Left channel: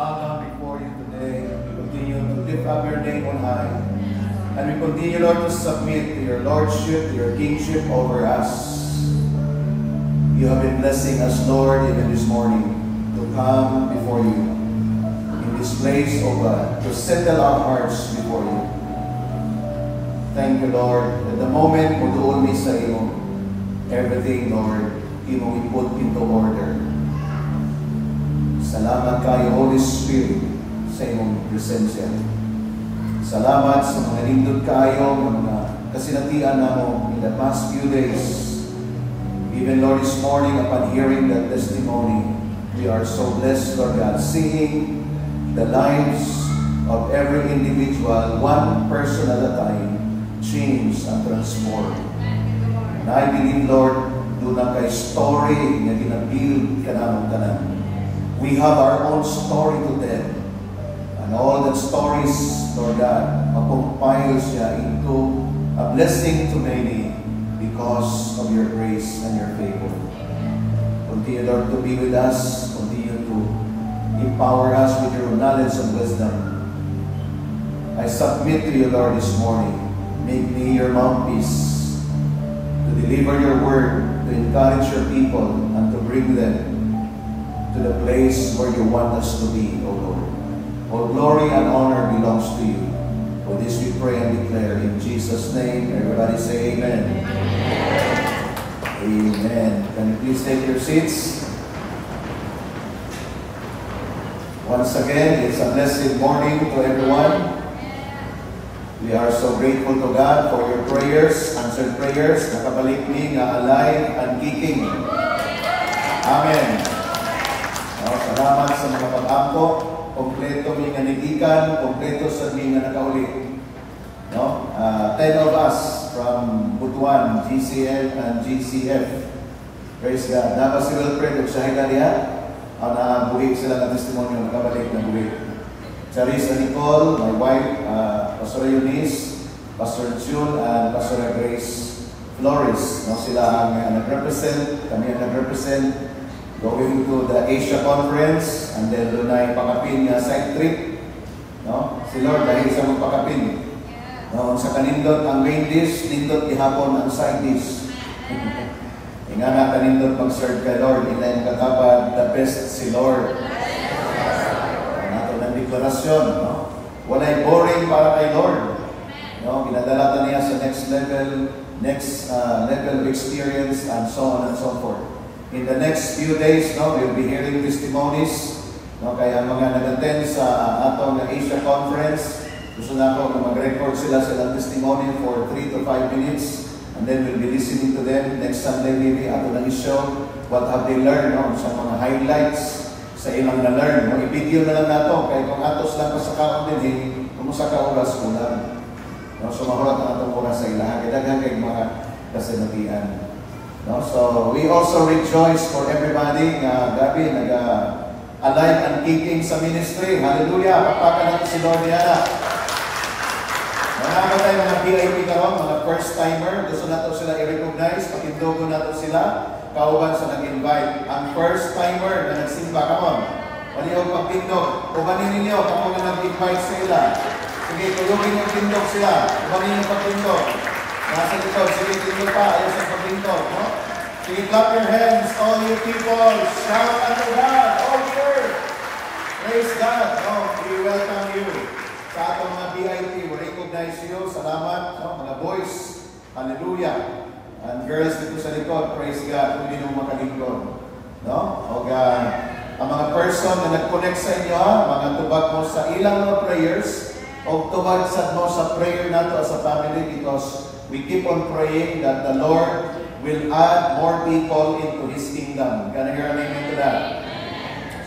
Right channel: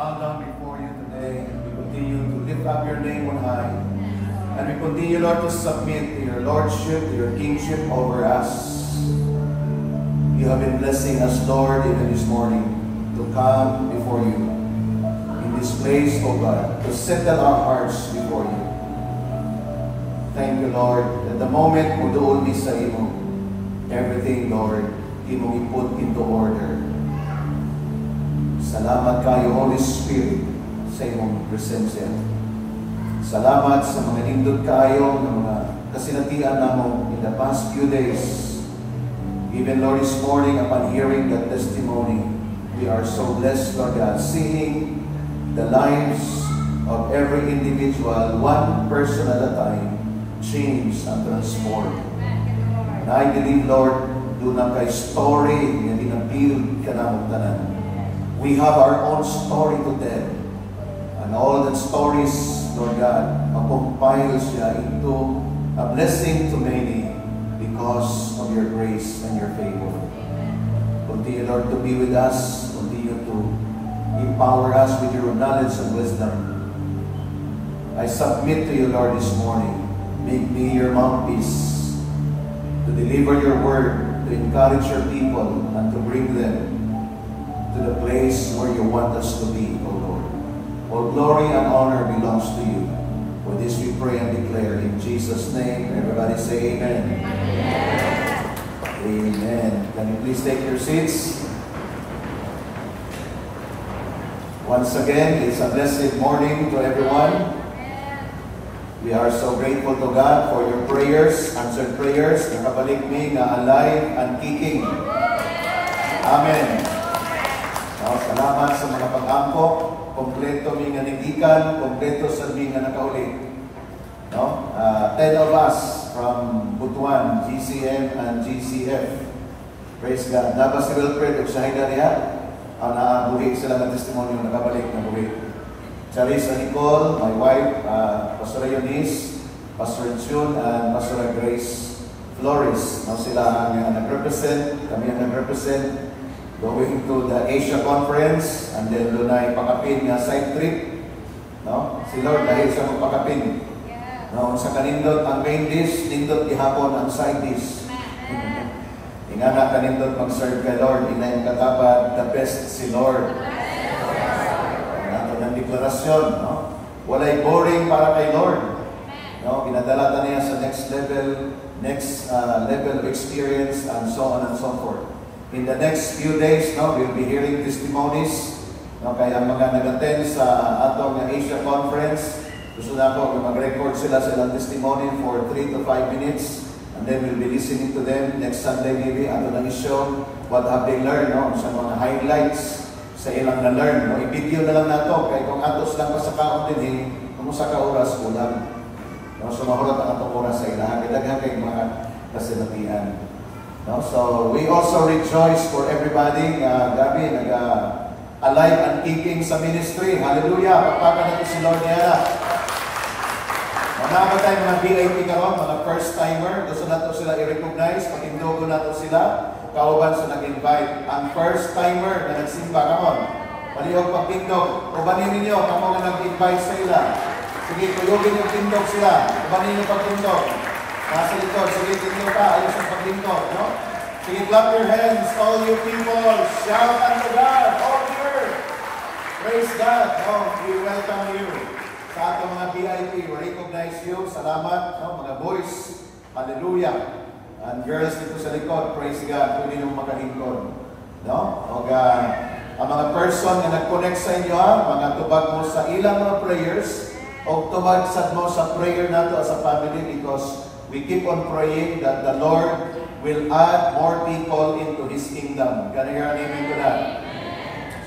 bow down before you today. We continue to lift up your name on high. And we continue, Lord, to submit to your lordship, to your kingship over us. You have been blessing us, Lord, even this morning, to come before you in this place, O God, to settle our hearts before you. Thank you, Lord, that the moment mo doon mi sa imo, everything, Lord, imo iput into order. Salamat kayo, Holy Spirit, sa imong presensya. Salamat sa mga lindot kayo, mga kasinatian namo in the past few days. Even, Lord, this morning, upon hearing that testimony, we are so blessed, Lord God, seeing the lives of every individual, one person at a time, change and transform. And I believe, Lord, do na kay story na ginabuild ka namang tanan. We have our own story to tell. And all that stories, Lord God, compile siya into a blessing to many because of your grace and your favor. Continue, Lord, to be with us. Continue to empower us with your knowledge and wisdom. I submit to you, Lord, this morning. Make me your mouthpiece to deliver your word, to encourage your people, and to bring them to the place where you want us to be, O Lord. All glory and honor belongs to you. For this we pray and declare in Jesus' name. Everybody say amen. Amen. Can you please take your seats? Once again, it's a blessed morning to everyone. We are so grateful to God for your prayers, answered prayers. Nakabalik mi nga alive and kicking. Amen. Salamat sa mga pag-ampo. Kompleto mi nga nitikan, kompleto sa mi nga nakaulit. 10 of us from Butuan, GCN and GCF. Praise God. Dapat si Wilfred at Shahida diha. Nabuhi sila ng testimony ng nakabalik na buhi. Charissa Nicole, my wife, Pastor Eunice, Pastor June, and Pastor Grace Flores. Sila ang nag-represent, kami ang nag-represent going to the Asia Conference, and then doon ay pakapin nga side trip. Si Lord dahil sa mga pakapin. Sa kanindot ang main dish, nindot ihapon ang side dish. Nga na kanindot mag-serve kay Lord, inayin katabad, the best si Lord. Nato ng deklarasyon, walay boring para kay Lord. Ginadalatan niya sa next level of experience, and so on and so forth. In the next few days, we'll be hearing testimonies. Kaya ang mga nag-attend sa atong Asia Conference, gusto na ako na mag-record sila testimony for 3 to 5 minutes. And then we'll be listening to them next Sunday maybe. Ato lang i-show what have they learned, sa mga highlights sa ilang na-learn. I-video na lang nato. Kaya kung atos lang pa sa kaon din, kumusta ka oras mo lang. Sumahulat ang atong oras sa ilang. Kaya kay mga kasinatian. So we also rejoice for everybody. Gabi, nag-alive and keeping sa ministry. Hallelujah! Pagpaka natin si Lord niya. Mga tayo mga VIP karon, mga first-timer. Gusto natin sila i-recognize. Pakindogo natin sila. Kauban sa nag-invite. Ang first-timer na nagsimba karon. Palihog pagpindog. Ubanin ninyo kung mga nag-invite sa ila. Sige, tulugin yung pindog sila. Ubanin yung pagpindog. Nasa likod, sige, pindog pa. Ayos ang pagpindog, Sige, clap your hands, all you people. Shout unto God, all the earth. Praise God. We welcome you. Sa atong mga VIP, we recognize you. Salamat, mga boys. Hallelujah. And girls dito sa likod, praise God. Kung yung makalingkod. Ang mga person na nag-connect sa inyo, mga tubag mo sa ilang mga prayers, o tubag mo sa prayer nato as a family, because we keep on praying that the Lord will add more people into His kingdom. Can you hear an amen to that?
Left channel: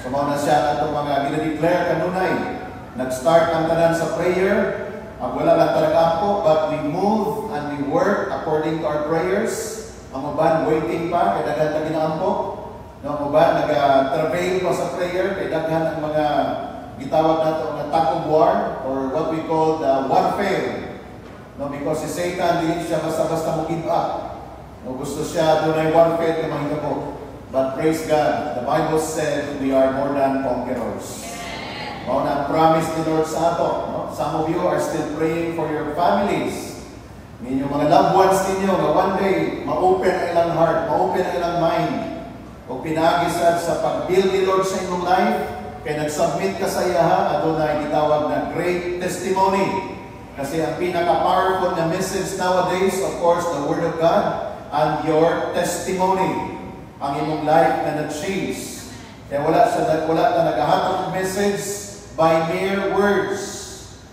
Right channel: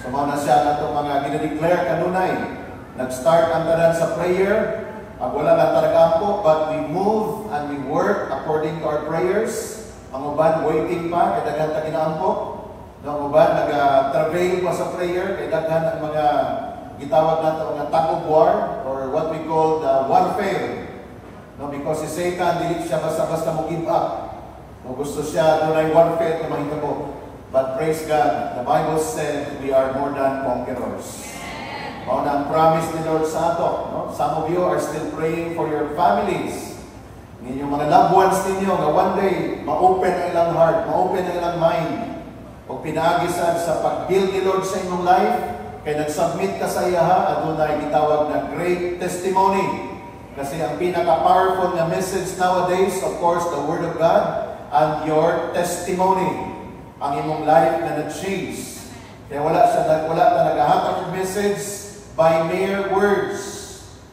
So mga siya nato mga ginadeclare kanunay. Nag-start ang tanan sa prayer. Wala na talagampo, but we move and we work according to our prayers. Ang uban, waiting pa, kaya daghan na ginaampo. Ang uban, nag-travail pa sa prayer, kaya daghan ang mga gitawag natin mga tug of war, or what we call the warfare. Because si Satan, hindi siya basta-basta mo give up. Gusto siya, doon ay warfare na mahitabo. But praise God, the Bible said we are more than conquerors. Mao na ang promise ni Lord sa ato. No? Some of you are still praying for your families. Inyong mga loved ones ninyo, nga one day, ma-open ang ilang heart, ma-open ang ilang mind. O pinagisad sa pag-build ni Lord sa inyong life, kaya nag-submit ka sa iyaha, adunay gitawag na great testimony. Kasi ang pinaka-powerful na message nowadays, of course, the Word of God and your testimony. Ang imong life na nag-change. Kaya wala na naghahatag ng message by mere words.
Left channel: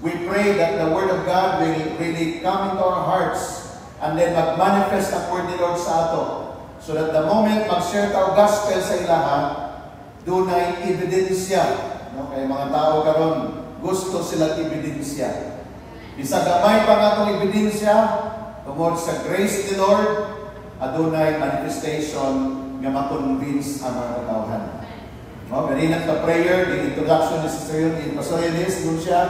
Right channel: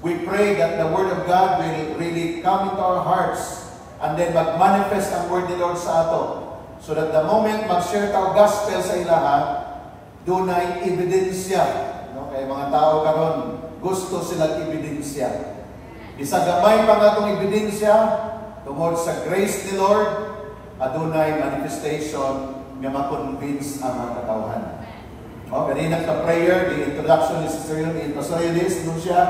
We pray that the Word of God will really come into our hearts and then mag-manifest ang Word ni Lord sa ato. So that the moment mag-share our gospel sa ilaha, doon ay ebidensya. No? Kaya mga tao karon gusto silang ebidensya. Isa gamay pa nga itong ebidensya tungkol sa grace ni Lord, adunay manifestation nga makonvince ang mga katawhan. No? Kanina sa prayer, the introduction ni Sister Yun, Pastorialis, doon siya,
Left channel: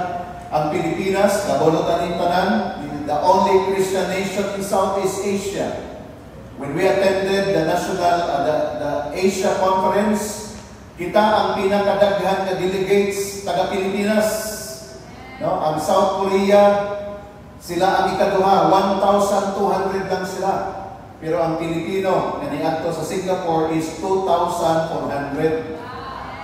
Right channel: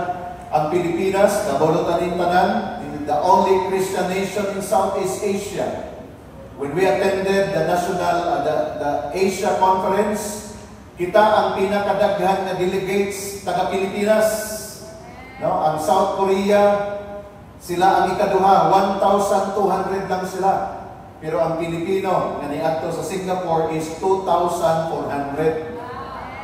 ang Pilipinas, kabulutan ng tanan, the only Christian nation in Southeast Asia. When we attended the the Asia Conference, kita ang pinakadaghan na delegates taga Pilipinas. No, ang South Korea, sila ang ikaduha, 1,200 lang sila. Pero ang Pilipino, kaniadto sa Singapore is 2,400.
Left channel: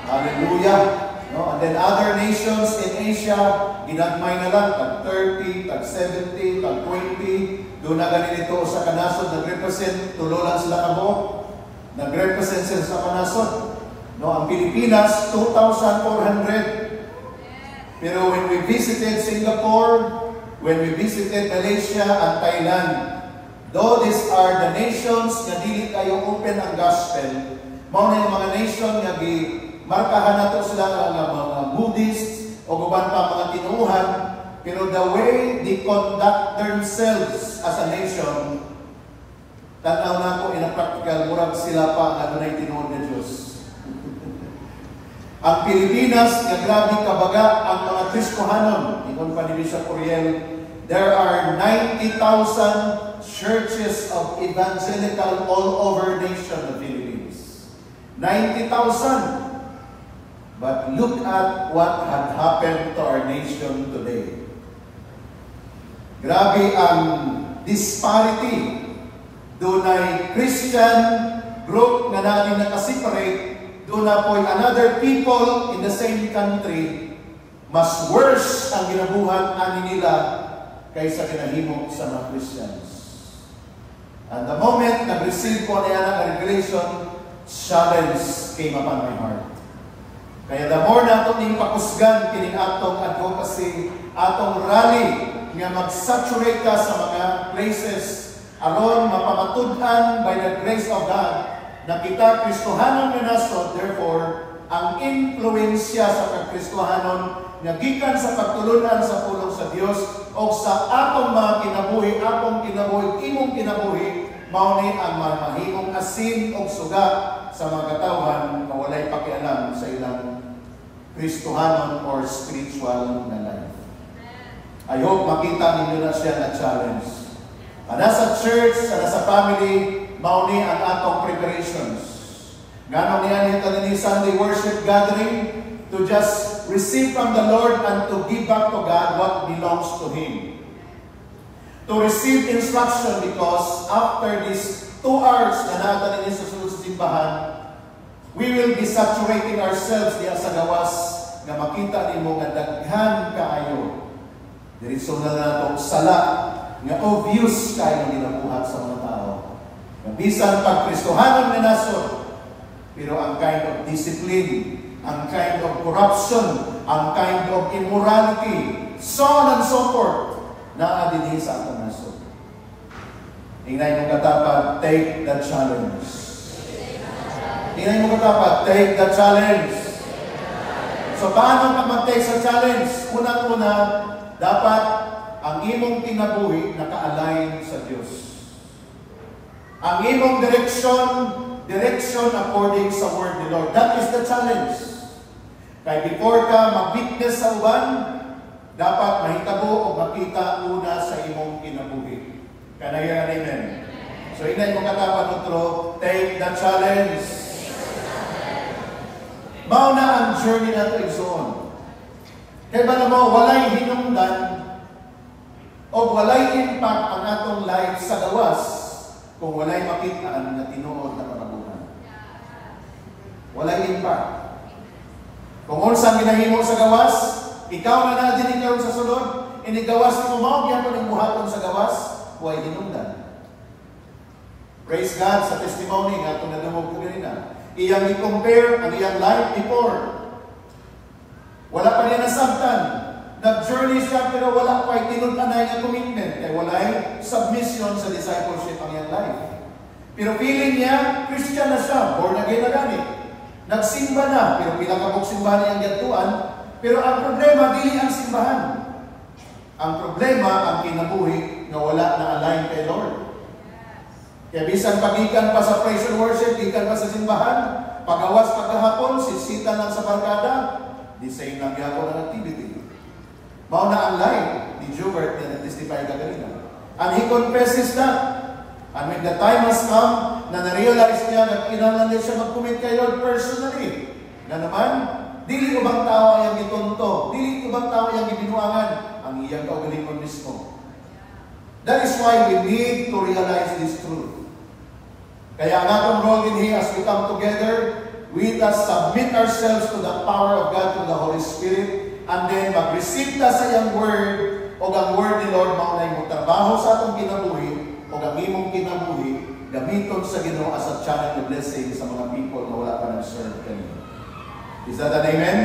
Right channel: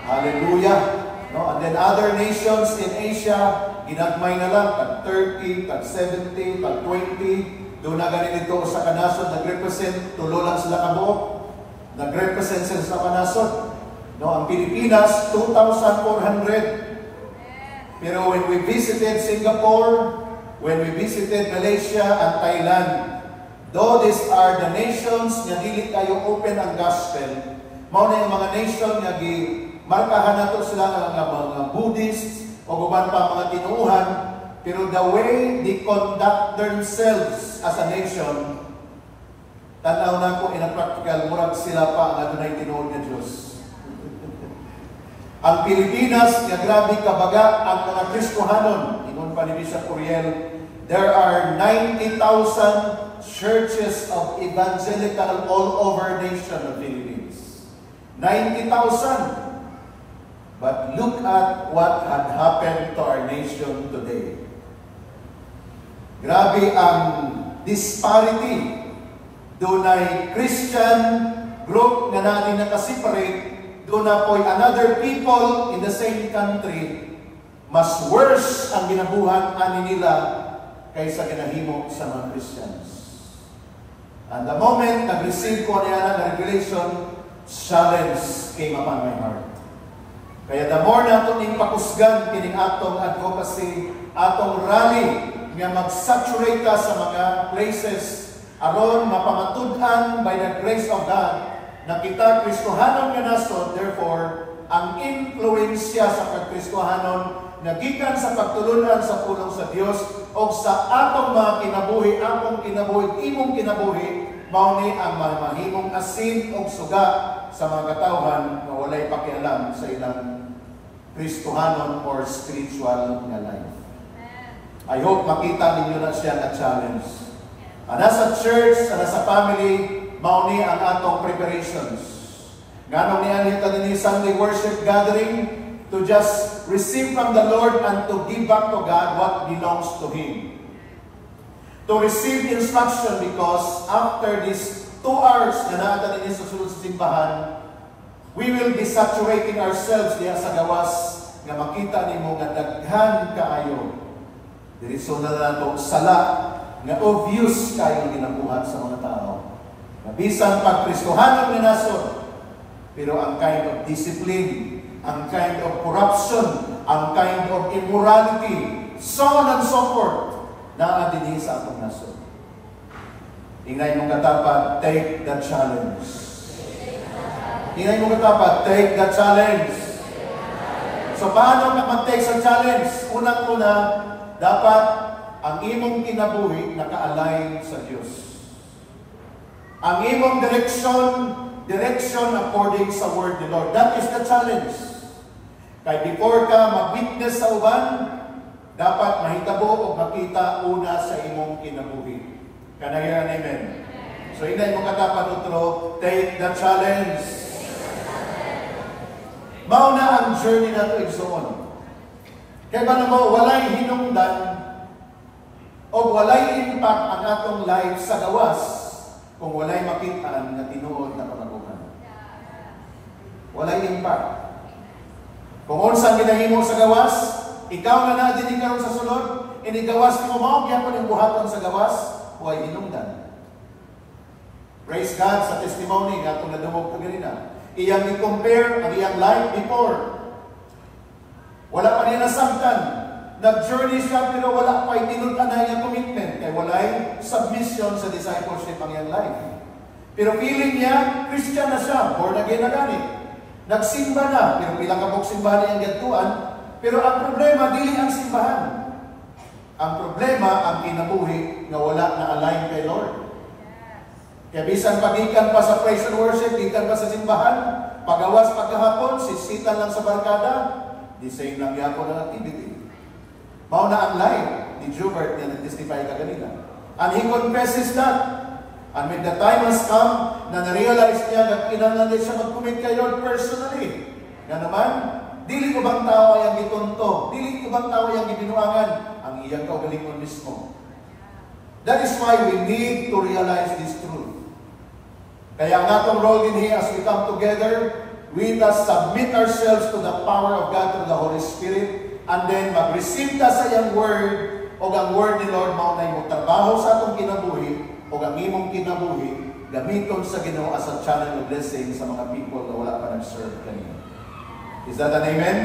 Hallelujah. No, and then other nations in Asia, ginagmay na lang, tag 30, tag 70, tag 20. Doon na ganito sa kanasod, nag-represent, tulo lang sila kamo. Nag-represent sila sa kanasod. No, ang Pilipinas, 2,400. Pero when we visited Singapore, when we visited Malaysia and Thailand, though these are the nations na dili kayo open ang gospel, mao na yung mga nation na markahan nato sila ng mga Buddhists o guban pa mga tinuuhan, pero the way they conduct themselves as a nation, tanaw na ko in a practical, murag sila pa ang adunay tinuod na Diyos. Ang Pilipinas, nga grabe kabaga ang mga Kristohanon, ingon pa ni Bishop Curiel, there are 90,000 churches of evangelical all over the nation of Philippines. 90,000. But look at what had happened to our nation today. Grabe ang disparity. Doon ay Christian group na natin nakaseparate, doon na po another people in the same country, mas worse ang ginabuhan ani nila kaysa ginahimo sa mga Christians. And the moment nag-receive ko niya ng revelation, challenge came upon my heart. Kaya the more na itong pakusgan, kining atong advocacy, atong rally, nga mag-saturate ka sa mga places, alone mapamatudhan by the grace of God, na kita Kristohanon nga nasod, therefore, ang influensya sa pagkristohanon na gikan sa pagtulunan sa pulong sa Dios o sa atong mga kinabuhi, imong kinabuhi, mao ni ang mahimong asin o suga sa mga katawhan na walay pakialam sa ilang Kristohanon or spiritual na life. I hope makita ninyo na siya na challenge. Nasa church, nasa family, mao ni ang atong preparations. Ganong niya nito ni Sunday worship gathering to just receive from the Lord and to give back to God what belongs to Him. To receive instruction because after these 2 hours na naatan ni sa sunod sa simbahan, we will be saturating ourselves diya sa gawas nga makita nimo nga daghan kaayo. Diretso na nato sala nga obvious kayo ginabuhat sa mga tao. Bisan pag-Kristohanon na nasod, pero ang kind of discipline, ang kind of corruption, ang kind of immorality, so on and so forth, naadinin sa atong nasod. Tingnan mong katapat, take the challenge. Tingnan mong katapat, take the challenge. So paano ka mag-take sa challenge? Unang-una, dapat ang imong kinabuhi naka-align sa Diyos. Ang imong direction according sa word ni Lord. That is the challenge. Kaya before ka mag-witness sa uban, dapat mahitabo o makita una sa imong kinabuhi. Kanayan, amen. So inay mo katapat utro, take the challenge. Mao na ang journey na ito igsoon. Kaya ba mo, walay hinungdan o walay impact ang atong life sa gawas kung walay makita na tinuod na katabunan. Walay impact. Kung unsang ginahimo sa gawas, ikaw na din ikaw sa sulod, inigawas mo mao gyud ang buhaton sa gawas, walay hinungdan. Praise God sa testimony nga itong nadumog ko ganina. Iyang i-compare ang iyang life before. Wala pa niya nasabtan. Nag-journey siya pero wala pa itinuntan na iyang commitment. Kaya walay submission sa discipleship ang iyang life. Pero feeling niya, Christian na siya, born again na gani. Nagsimba na, pero pilang kabuk simbahan niyang gatuan. Pero ang problema, dili ang simbahan. Ang problema, ang kinabuhi na wala na align kay Lord. Kaya bisan pagikan pa sa praise and worship, gikan pa sa simbahan, pagawas pagkahapon, sisitan lang sa barkada, di same lang yapon ang activity. Mao na ang life ni Jubert na nag-testify ka ganina. And he confesses that. And when the time has come, na na-realize niya na kinahanglan din siya mag-commit kay Lord personally. Nga naman, dili ubang tao ang gitunto, dili ubang tao ang gibinuangan, ang iyang kaugalingon mismo. That is why we need to realize this truth. Kaya ang atong role din here as we come together, we must submit ourselves to the power of God through the Holy Spirit, and then mag-receive ta sa iyang word, o ang word ni Lord mo na imong trabaho sa atong kinabuhi, o ang imong kinabuhi, gamiton sa Ginoo as a channel of blessing sa mga people na wala pa nag-serve kanina. Is that an amen?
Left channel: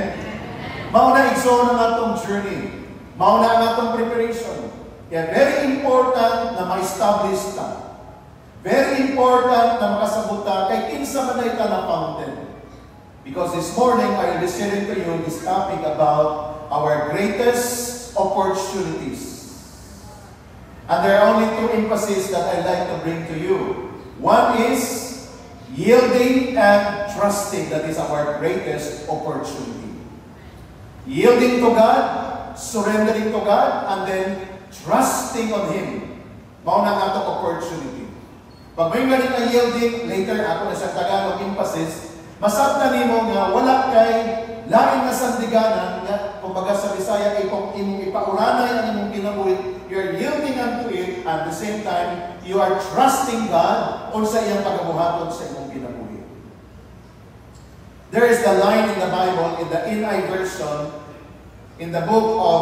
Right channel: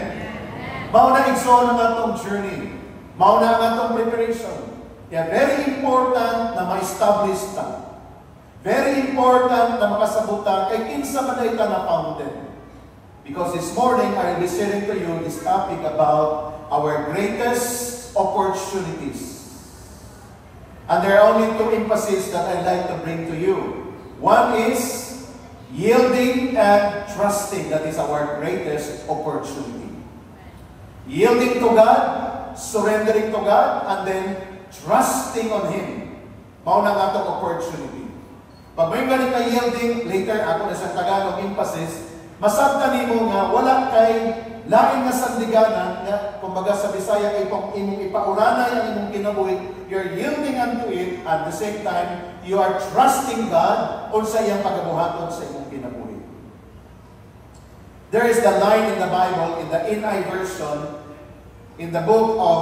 Mao na igsoon ang atong journey. Mao na ang atong preparation. Kaya very important na ma-establish ta. Very important na makasabuta kay kinsa man ay na fountain. Because this morning, I will be sharing to you this topic about our greatest opportunities. And there are only two emphases that I'd like to bring to you. One is yielding and trusting. That is our greatest opportunity. Yielding to God, surrendering to God, and then trusting on Him. Mao na atong opportunity. Pag may ganit na yielding, later ako na sa Tagalog emphasis, masabta nimo nga wala kay lain na sandiganan nga kumbaga sa Bisaya kay kung imong ipauranay ang imong kinabuhi, you're yielding unto it, at the same time you are trusting God unsa iyang pagabuhaton sa imong kinabuhi. There is the line in the Bible, in the NIV version, in the book of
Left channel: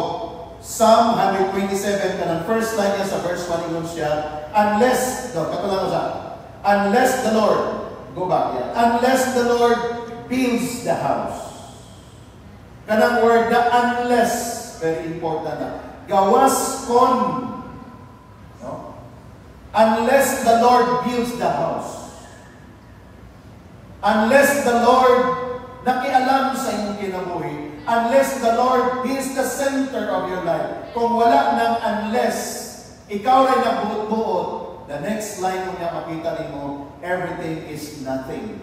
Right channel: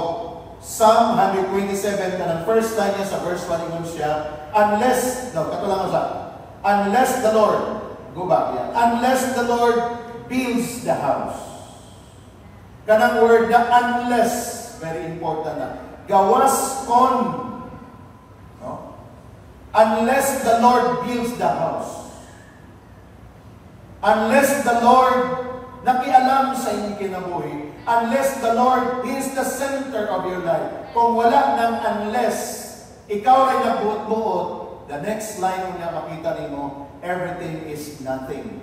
Psalm 127, kanang first line niya sa verse 1 ingon siya, unless the Lord, go back yan, unless the Lord builds the house. Kanang word na unless, very important na, gawas kon, no? Unless the Lord builds the house. Unless the Lord nakialam sa inyong kinabuhi, unless the Lord is the center of your life. Kung wala nang unless, ikaw ay nabuot-buot, the next line mo na makita nimo, everything is nothing.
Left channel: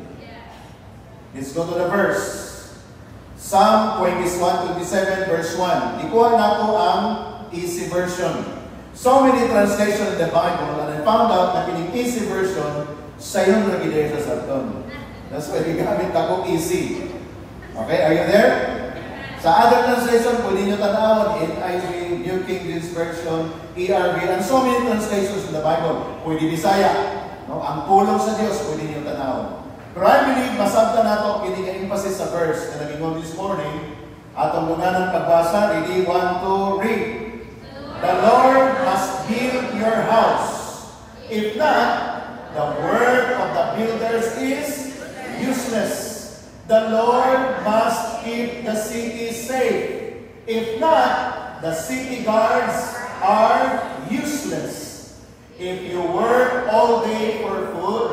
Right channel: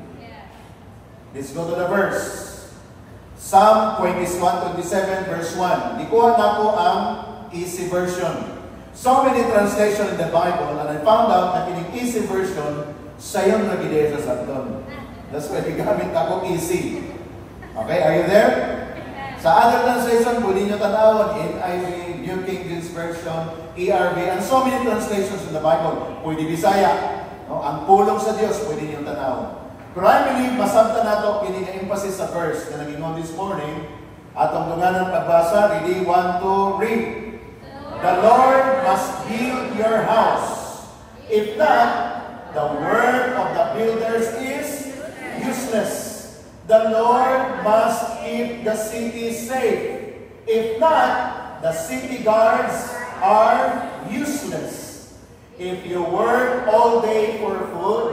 Let's go to the verse. Psalm 21:27, verse 1. Ikuha na ko ang easy version. So many translations in the Bible, and I found out na pining easy version, sayon na gide sa Sarton. That's why gamit ako easy. Okay, are you there? Sa other translation, pwede nyo tanawon, NIV, New King James Version, ERV, and so many translations in the Bible. Pwede Bisaya. No? Ang pulong sa Diyos, pwede nyo tanawon. Pero I believe, masabta na ito, pwede nga emphasis sa verse na nag-ingon this morning. Atong lungan ng pagbasa, ready, 1, 2, read. The Lord must build your house. If not, the work of the builders is useless. The Lord must keep the city safe. If not, the city guards are useless. If you work all day for food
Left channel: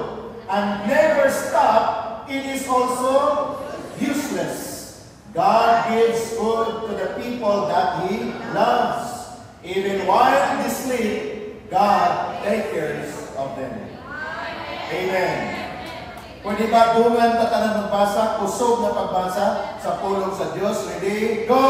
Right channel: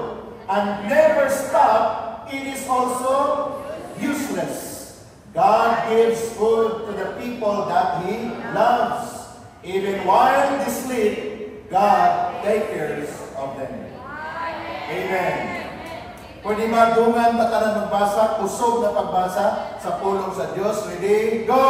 and never stop, it is also useless. God gives food to the people that He loves. Even while they sleep, God takes care of them. Amen. Pwede ba dungan na tanan magbasa, kusog na pagbasa sa pulong sa Diyos? Ready? Go!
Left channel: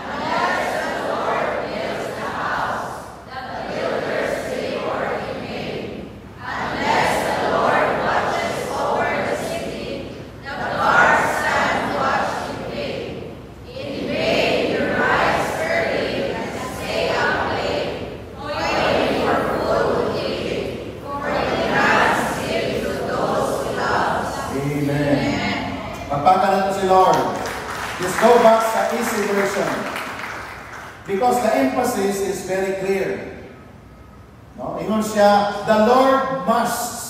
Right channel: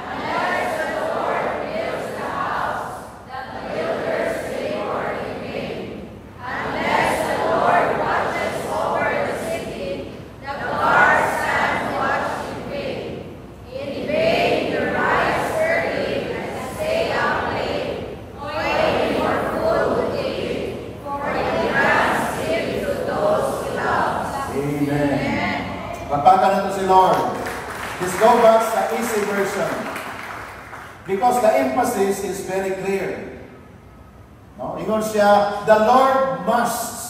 Unless the Lord builds the house, the builders labor in vain. Unless the Lord watches over the city, the guards stand watch in vain. In vain sa easy version. Because the emphasis is very clear. No? Ingon siya, the Lord must.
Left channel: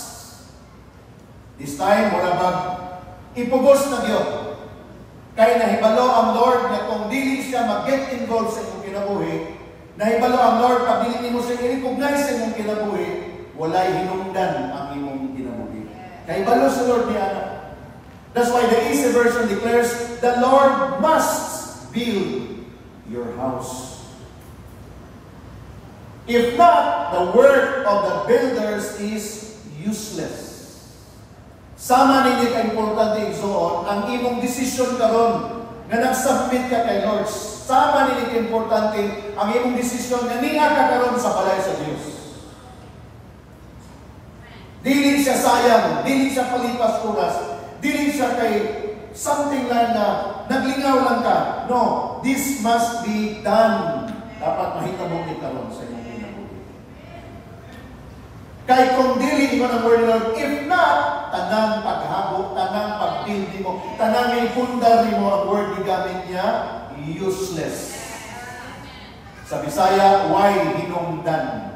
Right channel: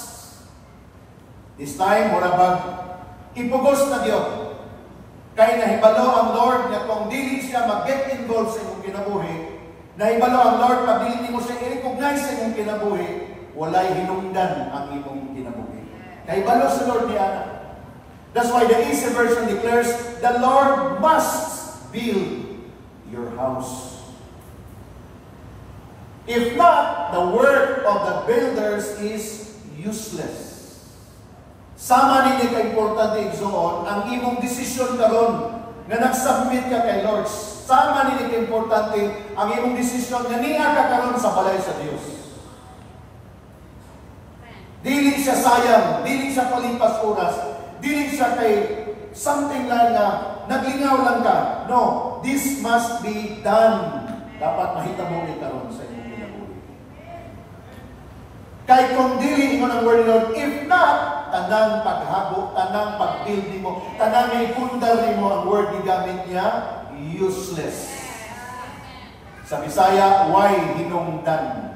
This time, mura bag ipugos na Diyo. Kaya nahibalo ang Lord na kung dili siya mag-get involved sa inyong kinabuhi, nahibalo ang Lord pag dili mo siya i-recognize sa inyong kinabuhi, walay hinungdan ang imong kinabuhi. Nahibalo sa Lord niya na. That's why the easy version declares, the Lord must build your house. If not, the work of the builders is useless. Sama ninyo ka-importante igsoon ang imong desisyon karon nga nag-submit ka kay Lord. Sama ninyo ka-importante ang imong desisyon nga niya ka karon sa balay sa Dios. Dili siya sayang, dili siya palipas oras, dili siya kay something lang na naglingaw lang ka. No, this must be done. Dapat mahita mo ni karon sa imong kinabuhi. Kay kung dili mo ng word Lord, if not, tanang paghabo, tanang pag-build mo, tanang ipundar mo ang word ni gamit niya, useless. Sa Bisaya, why hinungdan?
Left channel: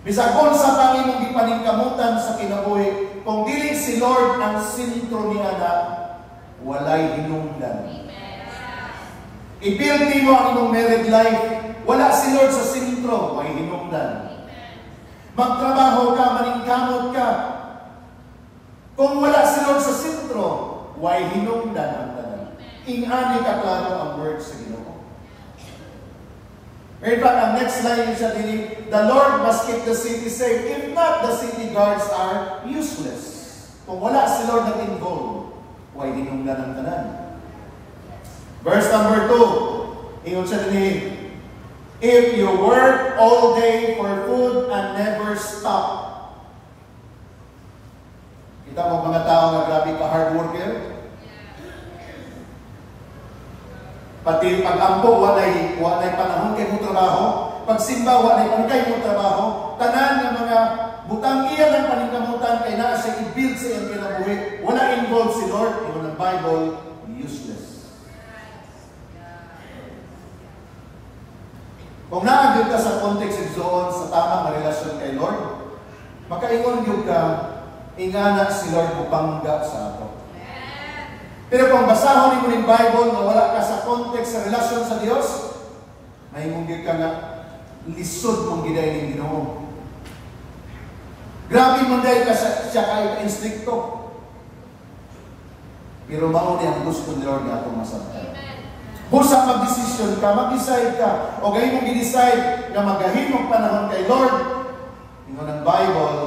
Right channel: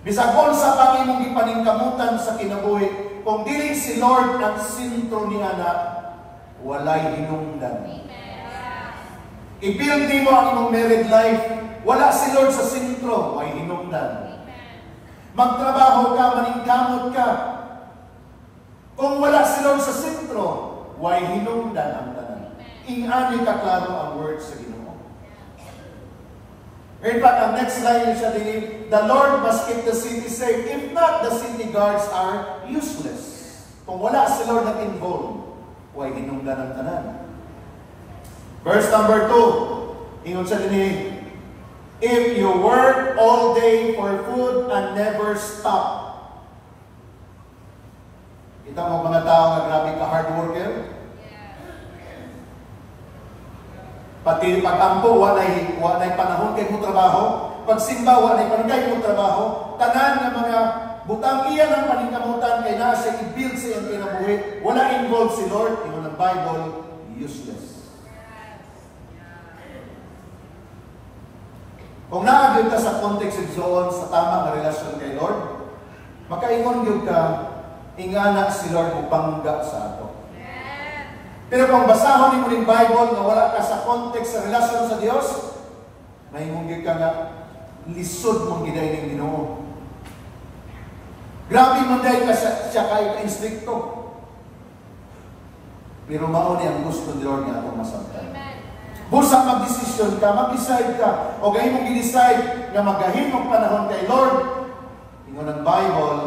Bisag sa pangimong gipaningkamutan sa kinabuhi, kung dili si Lord ang sentro niya na, walay hinungdan. I-build mo ang imong married life, wala si Lord sa sentro, may hinungdan. Magtrabaho ka, maningkamot ka, kung wala si Lord sa sentro, why hinungdan ang tanan. Ingani ka klaro ang word sa Ginoo. In fact, ang next line siya din, the Lord must keep the city safe. If not, the city guards are useless. Kung wala si Lord na involved, why hinungdan ang tanan. Verse number 2, ingon siya din, if you work all day for food and never stop. Kita mo mga tao na grabe ka hard worker? Pati pag-ampo, walay panahon kay mo trabaho. Pagsimba, walay panahon kay mo trabaho. Tanan ng mga butang iyan ng paningkamutan kay na siya i-build sa iyong kinabuhi. Wala involved si Lord. Yung ng Bible, useless. Kung naagod ka sa context zone sa tamang na relasyon kay Lord, makaingon yun ka, ingana si Lord upangga sa ato. Pero kung basahon mo ng Bible na wala ka sa context sa relasyon sa Diyos, may munggit ka nga lisod mong giday ng Ginoo. Grabe mo dahil ka siya kayo ka-instricto. Pero mauni ang gusto ni Lord na itong masabtan. Busa mag-desisyon ka, mag-decide ka, o gayon mong i-decide na magahin mong panahon kay Lord. Ingon ng Bible,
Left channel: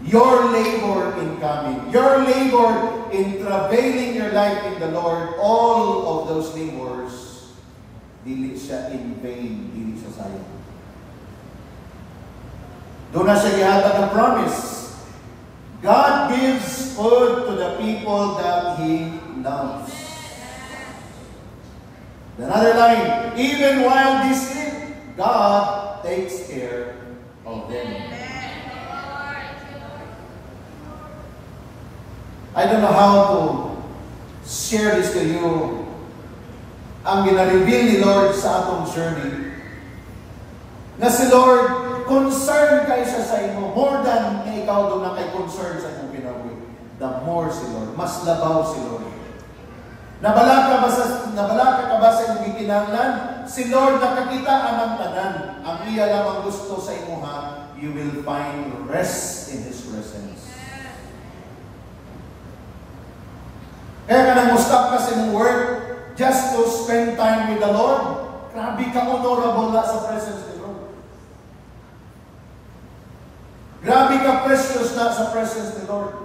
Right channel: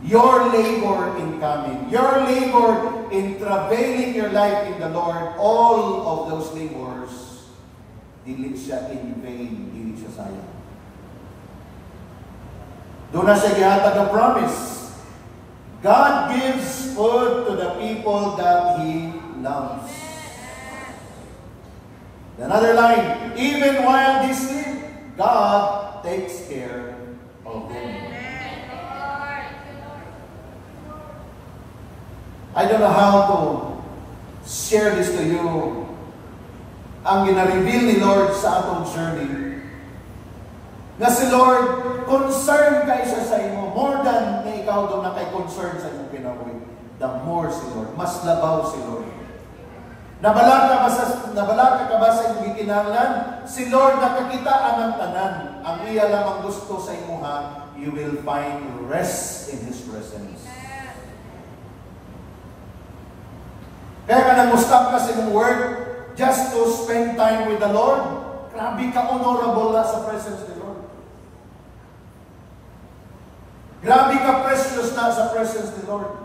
your labor in coming, your labor in travailing your life in the Lord, all of those labors, dili siya in vain, dili siya sayang. Doon na siya gihatag ang promise. God gives food to the people that He loves. Another line, even while they sleep, God takes care of them. I don't know how to share this to you. Ang gina-reveal ni Lord sa atong journey, na si Lord, concerned kay siya sa imo, more than na ikaw doon na kay concern sa imong kinabuhi. The more si Lord, mas labaw si Lord. Nabala ka ba sa imong gikinahanglan? Si Lord nakakita ang tanan. Ang iya lamang gusto sa imuha, you will find rest in His presence. Kaya ka nang stop ka sa imong work just to spend time with the Lord. Grabe ka honorable na sa presence ni Lord. Grabe ka precious na sa presence ni Lord.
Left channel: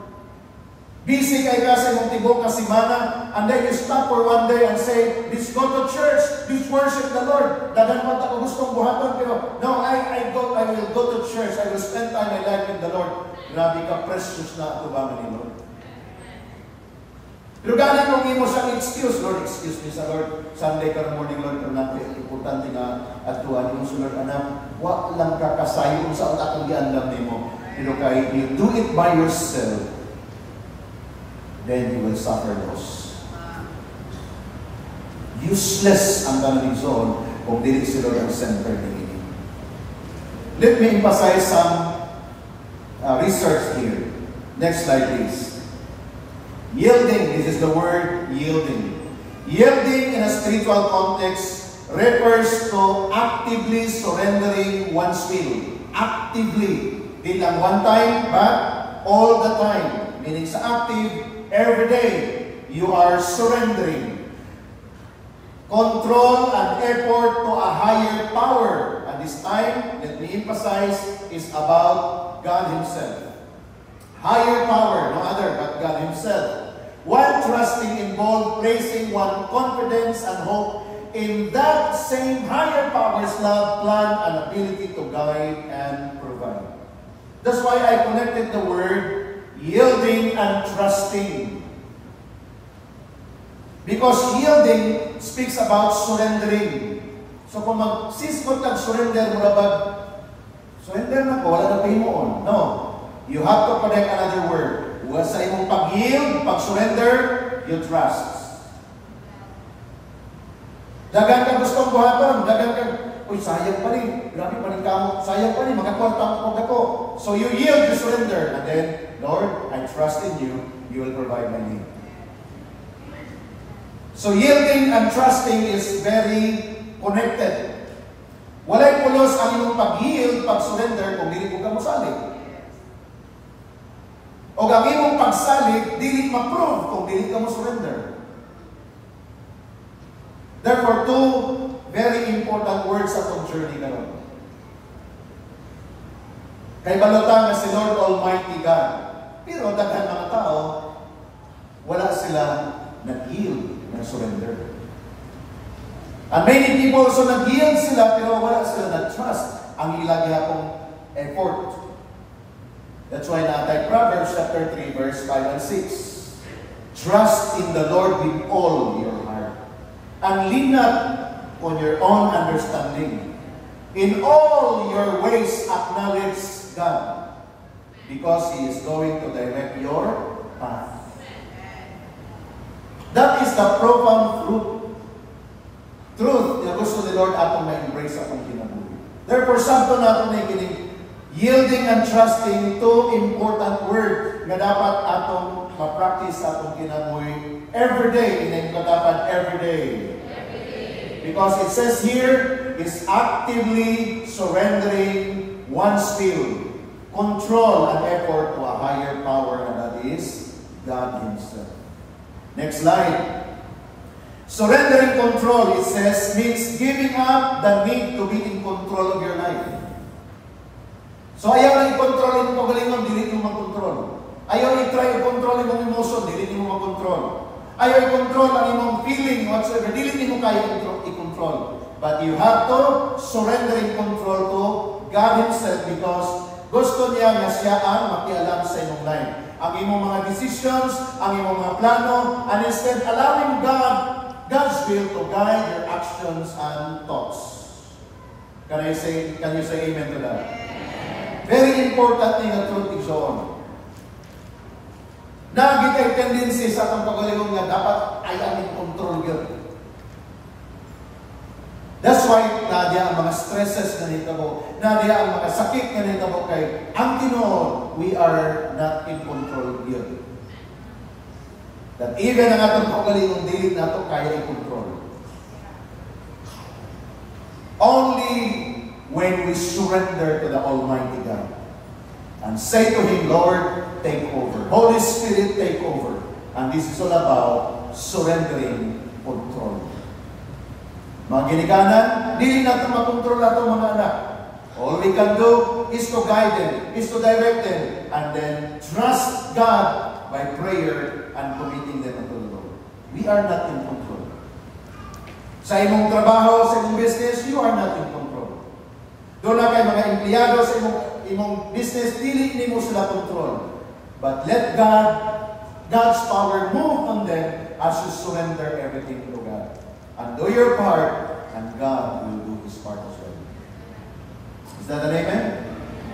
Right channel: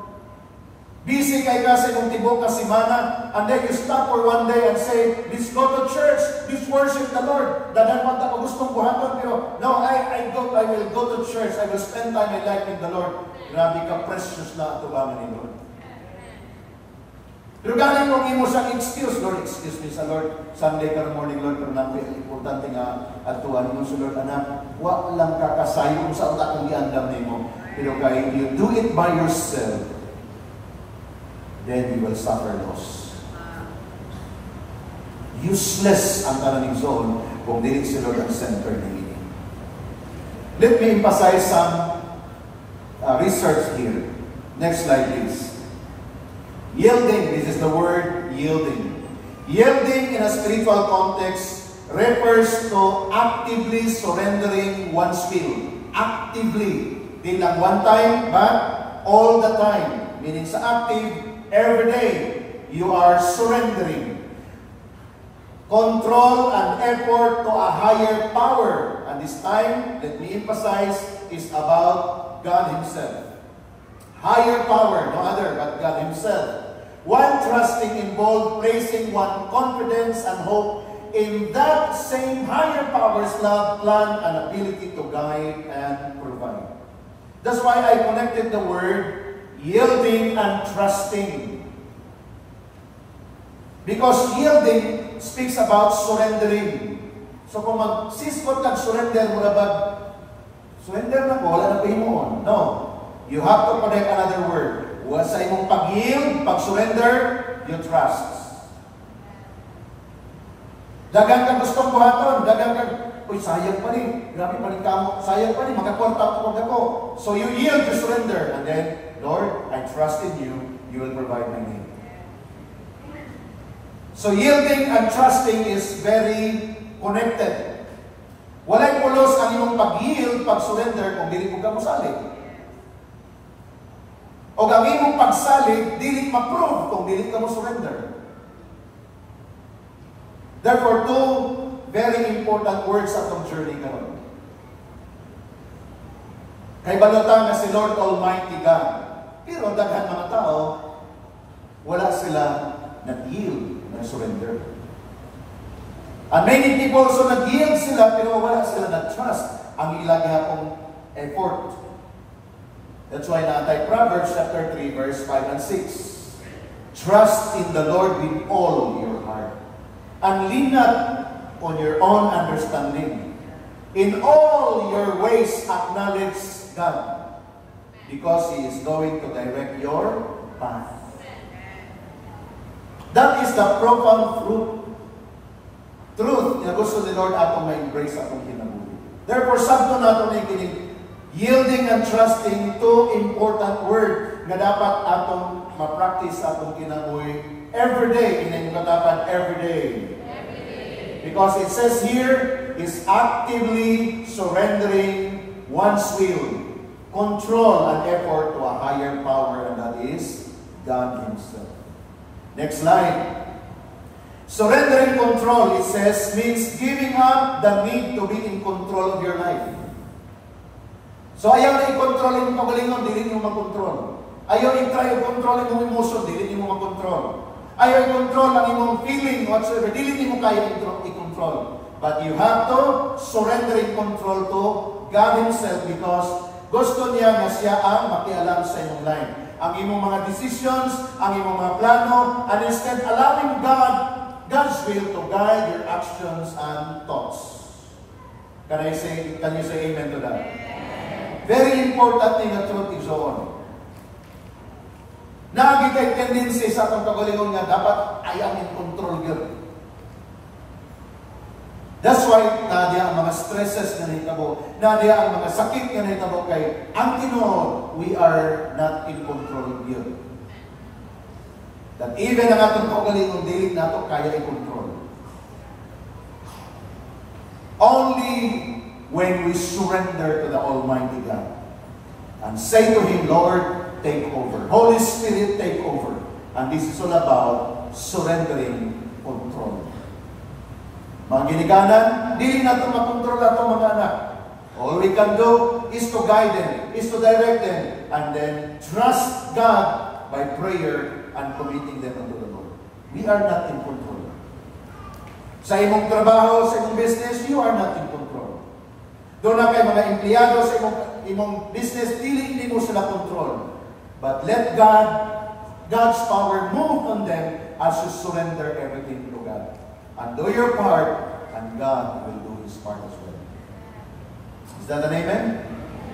Busy kay ka sa imong tibok ka semana, and then you stop for one day and say, let's go to church, let's worship the Lord. Dagan man ta ko gustong buhaton, pero no, I will go to church, I will spend time in life with the Lord. Grabe ka precious na ato ba ni Lord. Pero galing mong imo sa excuse, Lord, excuse me sa Lord, Sunday ka morning, Lord, pero natin, importante nga atuan mo sa Lord, anak, wak lang kakasayo kung sa utak kong giandam ni mo. Pero kaya you do it by yourself, then you will suffer loss. Useless ang kanilang zone kung dili sila ang center ni ini. Let me emphasize some research here. Next slide, please. Yielding, this is the word yielding. Yielding in a spiritual context refers to actively surrendering one's will. Actively. Di lang one time, but all the time. Meaning sa active, every day, you are surrendering control and effort to a higher power. And this time, let me emphasize, is about God Himself. Higher power, no other but God Himself. One trusting involved placing one confidence and hope in that same higher power's love, plan, and ability to guide and provide. That's why I connected the word yielding and trusting. Because yielding speaks about surrendering. So kung mag-siskot nag-surrender mo na ba, surrender na ko, wala na pahimoon. No. You have to connect another word. Huwag sa imong pag-yield, pag-surrender, you trust. Dagang ka gustong buhaton, dagang ka, uy, sayang pa rin. Grabe pa rin kamo. Sayang pa rin, makakontak ako. So you yield, you surrender. And then, Lord, I trust in you. You will provide my need. So yielding and trusting is very connected. Walay pulos ang imong pag-yield, pag-surrender, kung dili ko ka mosalig. O ang imong pagsalig, dili ma-prove kung dili ka mo-surrender. Therefore, two very important words sa itong journey karon. Kay balotang na si Lord Almighty God. Pero daghan mga tao, wala sila nag-yield, nag-surrender. And many people also nag-yield sila, pero wala sila nag-trust ang ilang akong effort. That's why natay Proverbs chapter 3, verse 5 and 6. Trust in the Lord with all your heart, and lean not on your own understanding. In all your ways acknowledge God, because He is going to direct your path. That is the profound truth na gusto ni Lord atong ma-embrace atong kinabuhi. Therefore, sabto nato na ikinig, yielding and trusting, two important word na dapat atong ma-practice atong kinabuhi every day, and dapat every day. Because it says here, is actively surrendering one's will, control, and effort to a higher power, and that is God Himself. Next slide. Surrendering control, it says, means giving up the need to be in control of your life. So ayaw na i-control yung pagalingon, dili mo mag-control. Ayaw i-try i-control yung emotion, dili mo mag-control. Ayaw i-control ang imong feeling, whatsoever, dili mo kaya i-control. But you have to surrender in control to God Himself, because gusto niya nga siya ang makialam sa imong life. Ang imong mga decisions, ang imong mga plano, and instead allowing God's will to guide your actions and thoughts. Can you say amen to that? Very important thing na truth is on. Nagi kay tendency sa atong pagalingon nga dapat ayaw in control yun. That's why nadya ang mga stresses na nitabo, nadya ang mga sakit na nitabo kay ang Ginoo, we are not in control yun. That even ang atong pagalingon dili nato kaya i-control. Only when we surrender to the Almighty God and say to Him, Lord, take over. Holy Spirit, take over. And this is all about surrendering control. Mga ginikanan, hindi natin makontrol natin mga anak. All we can do is to guide them, is to direct them, and then trust God by prayer and committing them unto the Lord. We are not in control. Sa imong trabaho, sa imong business, you are not in control. Doon na kayo mga empleyado sa imong business, dili mo sila control. But let God's power move on them as you surrender everything to God. And do your part, and God will do His part as well. Is that an amen?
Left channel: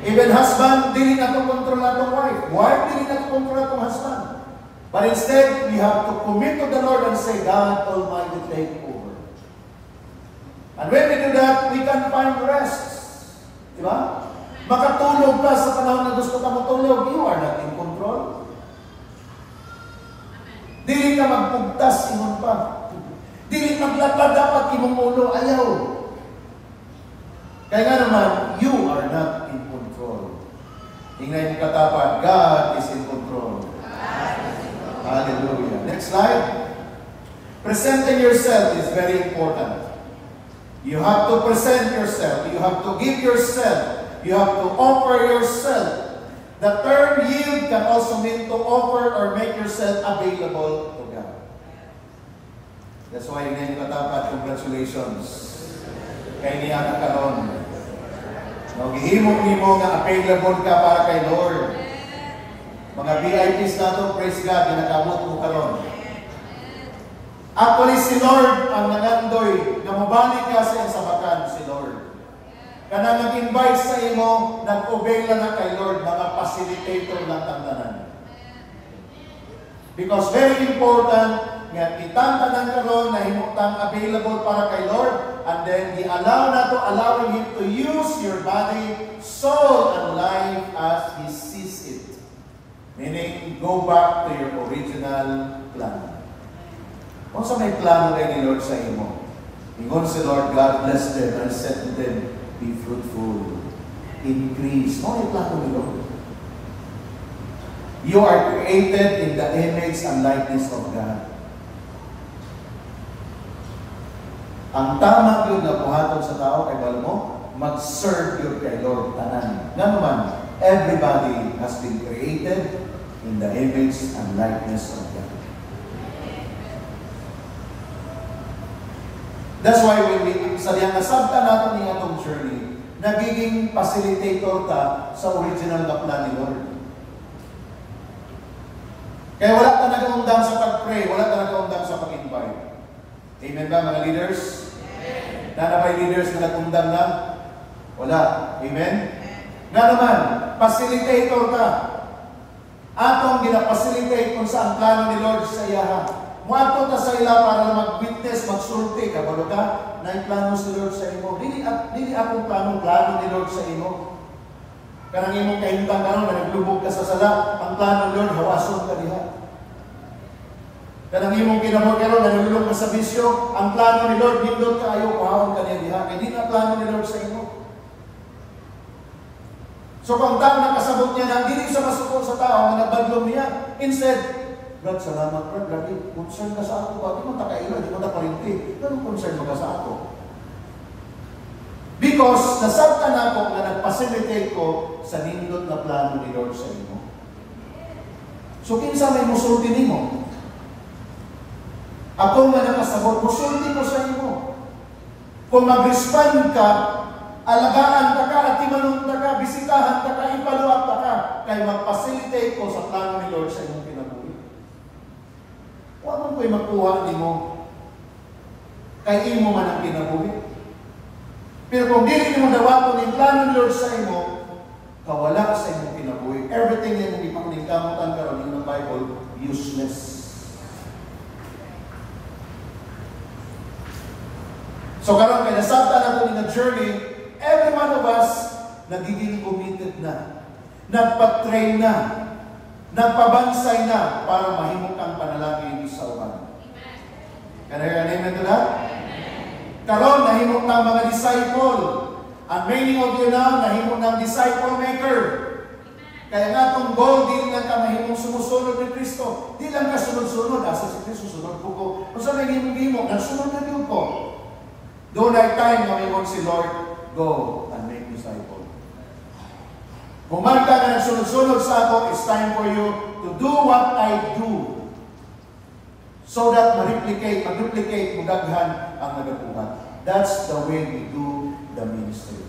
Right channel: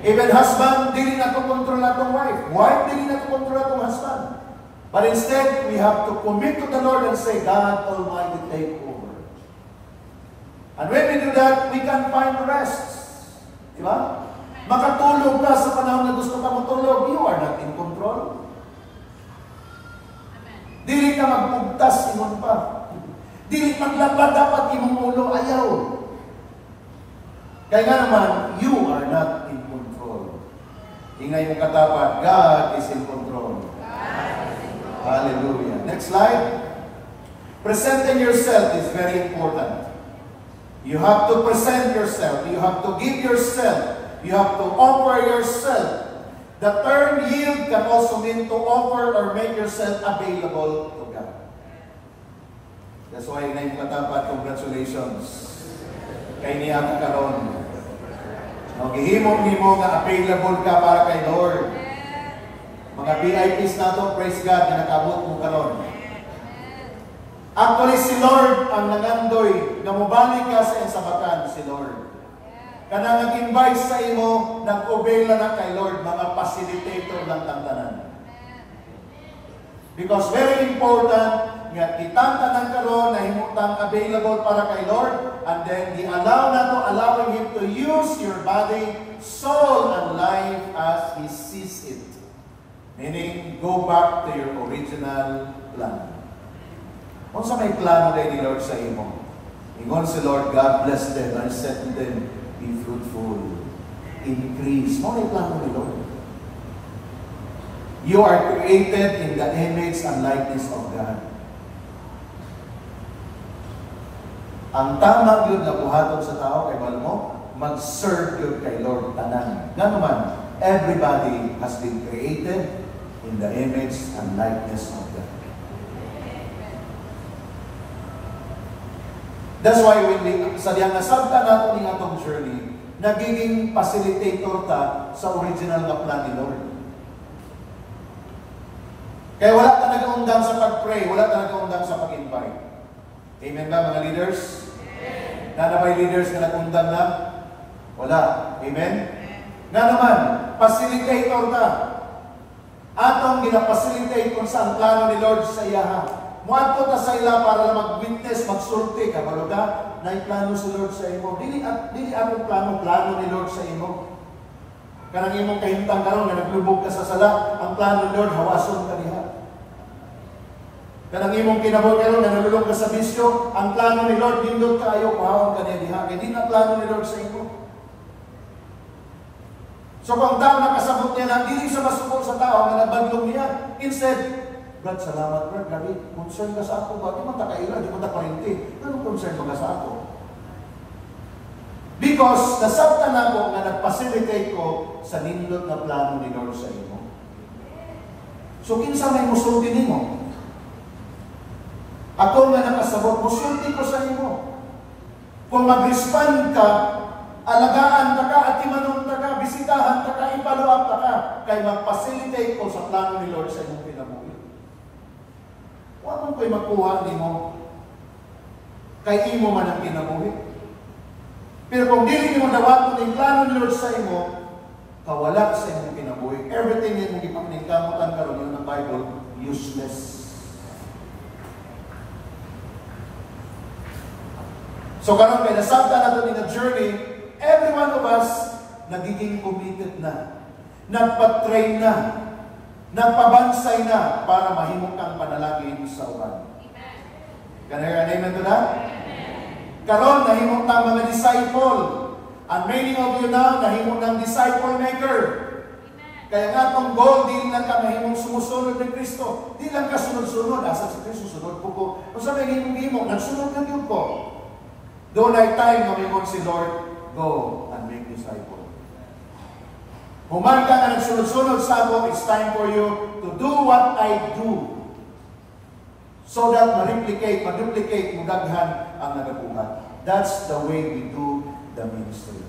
Even husband, dili na to control atong wife. Wife, dili na to control atong husband. But instead, we have to commit to the Lord and say, God Almighty, take over. And when we do that, we can find rest. Diba? Makatulog ka sa panahon na gusto ka matulog, you are not in control. Dili ka magpugtas, ingon pa. Dili maglapad, dapat imong ulo, ayaw. Kaya nga naman, you are not in control. Ingay mo katapat, God is in control. Hallelujah. Next slide. Presenting yourself is very important. You have to present yourself. You have to give yourself. You have to offer yourself. The term yield can also mean to offer or make yourself available to God. That's why ngayon katapat, congratulations. Kay niya ka karon. Maghihimo-himo nga available ka para kay Lord. Mga VIPs nato, praise God, ginakabot mo karon. Actually, si Lord ang nangandoy na mubalik ka sa isabakan, si Lord. Kanang nag-invite sa imo, nag-obey na kay Lord, mga facilitator ng tantanan. Because very important, nga kitang tanang karon na himutang available para kay Lord, and then allowing Him to use your body, soul, and life as He sees it. Meaning, go back to your original plan. Kung sa may plano kayo ni Lord sa imo, ingon si Lord, God bless them, and said to them, be fruitful, increase. Ano yung plano ni Lord? You are created in the image and likeness of God. Ang tama yun na buhaton sa tao, kay balo mo, mag-serve yun kay Lord tanan. Nga naman, everybody has been created in the image and likeness of God. That's why when sa diyang nasabta natin ng atong journey, nagiging facilitator ta sa original na plan ni Lord. Kaya wala ka nag-undang sa pag-pray, wala ka nag-undang sa pag-invite. Amen ba mga leaders? Amen. Na may leaders na nag-undang na? Wala. Amen? Nga naman, facilitator ka. Atong gina-facilitate kung saan plano ni Lord sa iyaha. Muadto ta sa ila para lang mag-witness, magsulti ka. Balo ka, na yung plano si Lord sa imo. Dili akong plano ni Lord sa imo. Kanang imong kahintang karon na naglubog ka sa sala, ang plano ni Lord, hawason ka diha. Kanang imong kinabuhi karon na nalulog ka sa bisyo, ang plano ni Lord, hindot ka ayaw, pahawang ka niya diha. Kaya di na plano ni Lord sa imo. So kung tao nakasabot niya na, hindi siya masuko sa tao na nabadlong niya. Instead, Brad, salamat Brad, grabe, concern ka sa ako. Bakit mo takaila, di mo taparinti? Anong concern mo ka sa ako? Because nasabta na ako na nag-facilitate ko sa nindot na plano ni Lord sa imo. So kinsa may musulti nimo? Ako nga nakasabot, musulti ko sa imo. Kung mag-respond ka, alagaan ta ka, at timanong ta ka, bisitahan ta ka, ipaluap ta ka, kaya mag-facilitate ko sa plano ni Lord sa imong pinabuhi. Huwag ko'y magkuha ni mo. Kay imo man ang pinabuhi. Pero kung dili mo dawaton yung plano ni Lord sa imo, kawala sa imong pinabuhi. Everything yung ipangkamutan karon ng Bible, useless. So karon kay nasabta nato ni na journey, every one of us nagiging committed na. Nagpa-train na. Nagpabansay na para mahimok ang panalangin sa uban. Can I hear an amen to that? Karon nahimok na mga disciple. And many of you now nahimok ng disciple maker. Kaya nga itong goal, di lang ka mahimong sumusunod ni Kristo. Di lang ka sunod-sunod. Asa si Kristo, sunod po ko. Kung saan may himong-himong, nagsunod na yun po. Doon ay time na may si Lord, go and make disciple. Human ka na nagsunod-sunod sa ako, it's time for you to do what I do. So that ma-replicate, mudaghan ang nagabuhat. That's the way we do the ministry.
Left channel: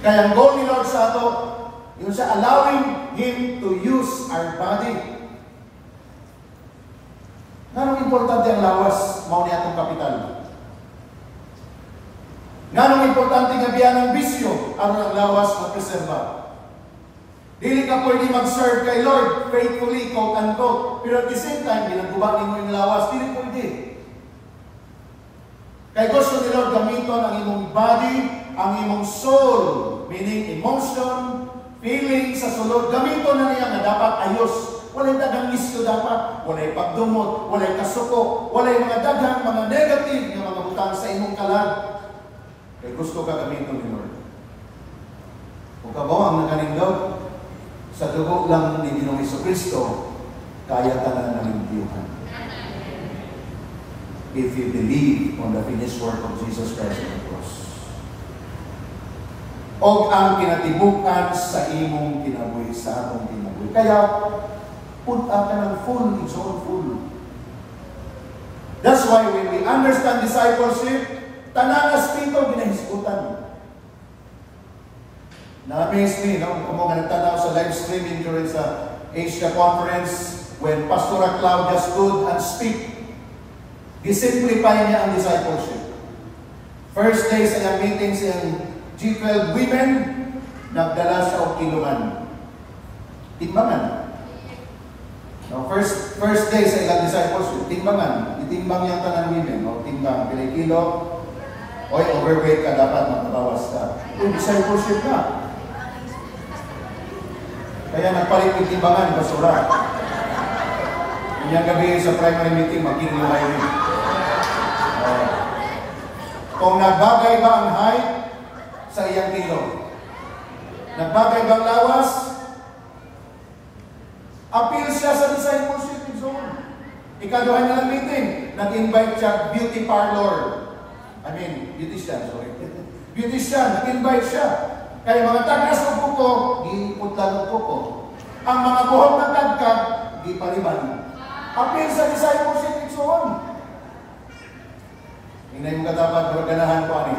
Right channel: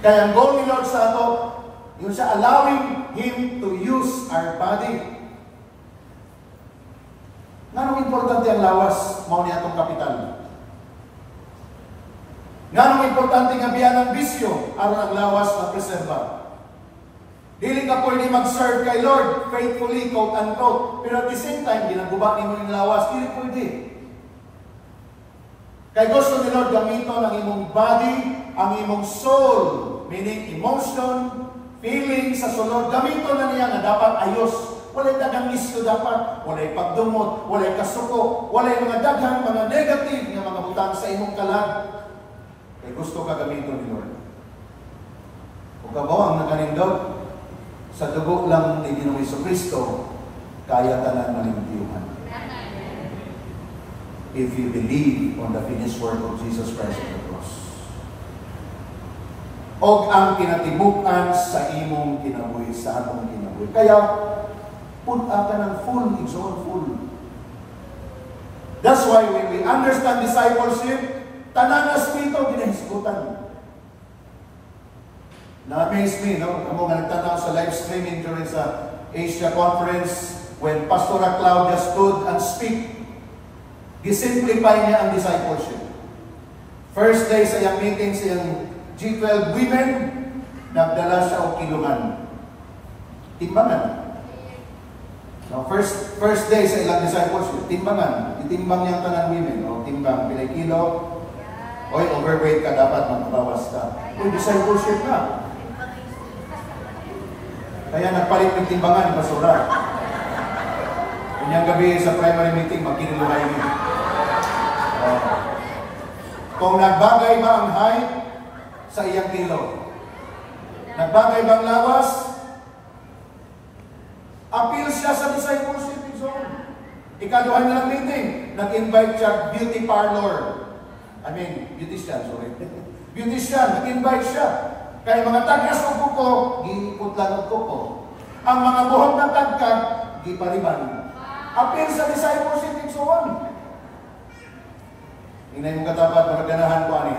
Kaya ang goal ni Lord sa ato, yun siya allowing Him to use our body. Nga importante ang lawas, mao ni atong kapital. Nga importante nga biyan ang bisyo, aron ang lawas na preserva. Dili ka pwede mag-serve kay Lord faithfully, quote-unquote. Pero at the same time, ginagawa mo yung lawas, dili pwede. Kaya gusto ni Lord gamiton ang imong body, ang imong soul, meaning emotion, feeling sa sulod. Gamiton na niya nga dapat ayos. Walay dagang isyo dapat, walay pagdumot, walay kasuko, walay mga daghang, mga negative nga mga butang sa imong kalag. Kaya gusto ka gamiton ni Lord. Kung ka ang nakanindot, sa dugo lang ni Ginoong Jesucristo, kaya tanan ng impiyuhan. If you believe on the finished work of Jesus Christ on the cross. O ang kinatibukan sa imong kinabuhi, sa atong kinabuhi. Kaya, punta ka ng full, igsoon full. That's why when we understand discipleship, tanan na spirito ginahisgutan. Na-amaze me, no? Kamo nga nagtanaw sa live streaming during sa Asia Conference when Pastor Claudia stood and speak. Disimplify niya ang discipleship. First day sa iyang meeting sa iyang G12 women, nagdala siya og kiluman. Timbangan. No, first day sa ilang discipleship, timbangan. Itimbang niya ang tanang women. No? Timbang, pilay kilo. Oy, overweight ka, dapat magbawas ka. Ito, discipleship na. Kaya nagpalit ng timbangan, basura. Kanyang gabi sa primary meeting, magkiniluhay rin. Kung nagbagay ba ang height sa iyang kilo? Nagbagay ba ang lawas? Appeal siya sa discipleship zone. Ikaduhan nilang meeting, nag-invite siya beauty parlor. Beautician, sorry. Beautician, nag-invite siya. Kaya mga tagas ng kuko, giipot lang ng kuko. Ang mga buhok ng tagkag, gipariban. Appeal sa discipleship zone. Tingnan mo katapat, maganahan ko ani.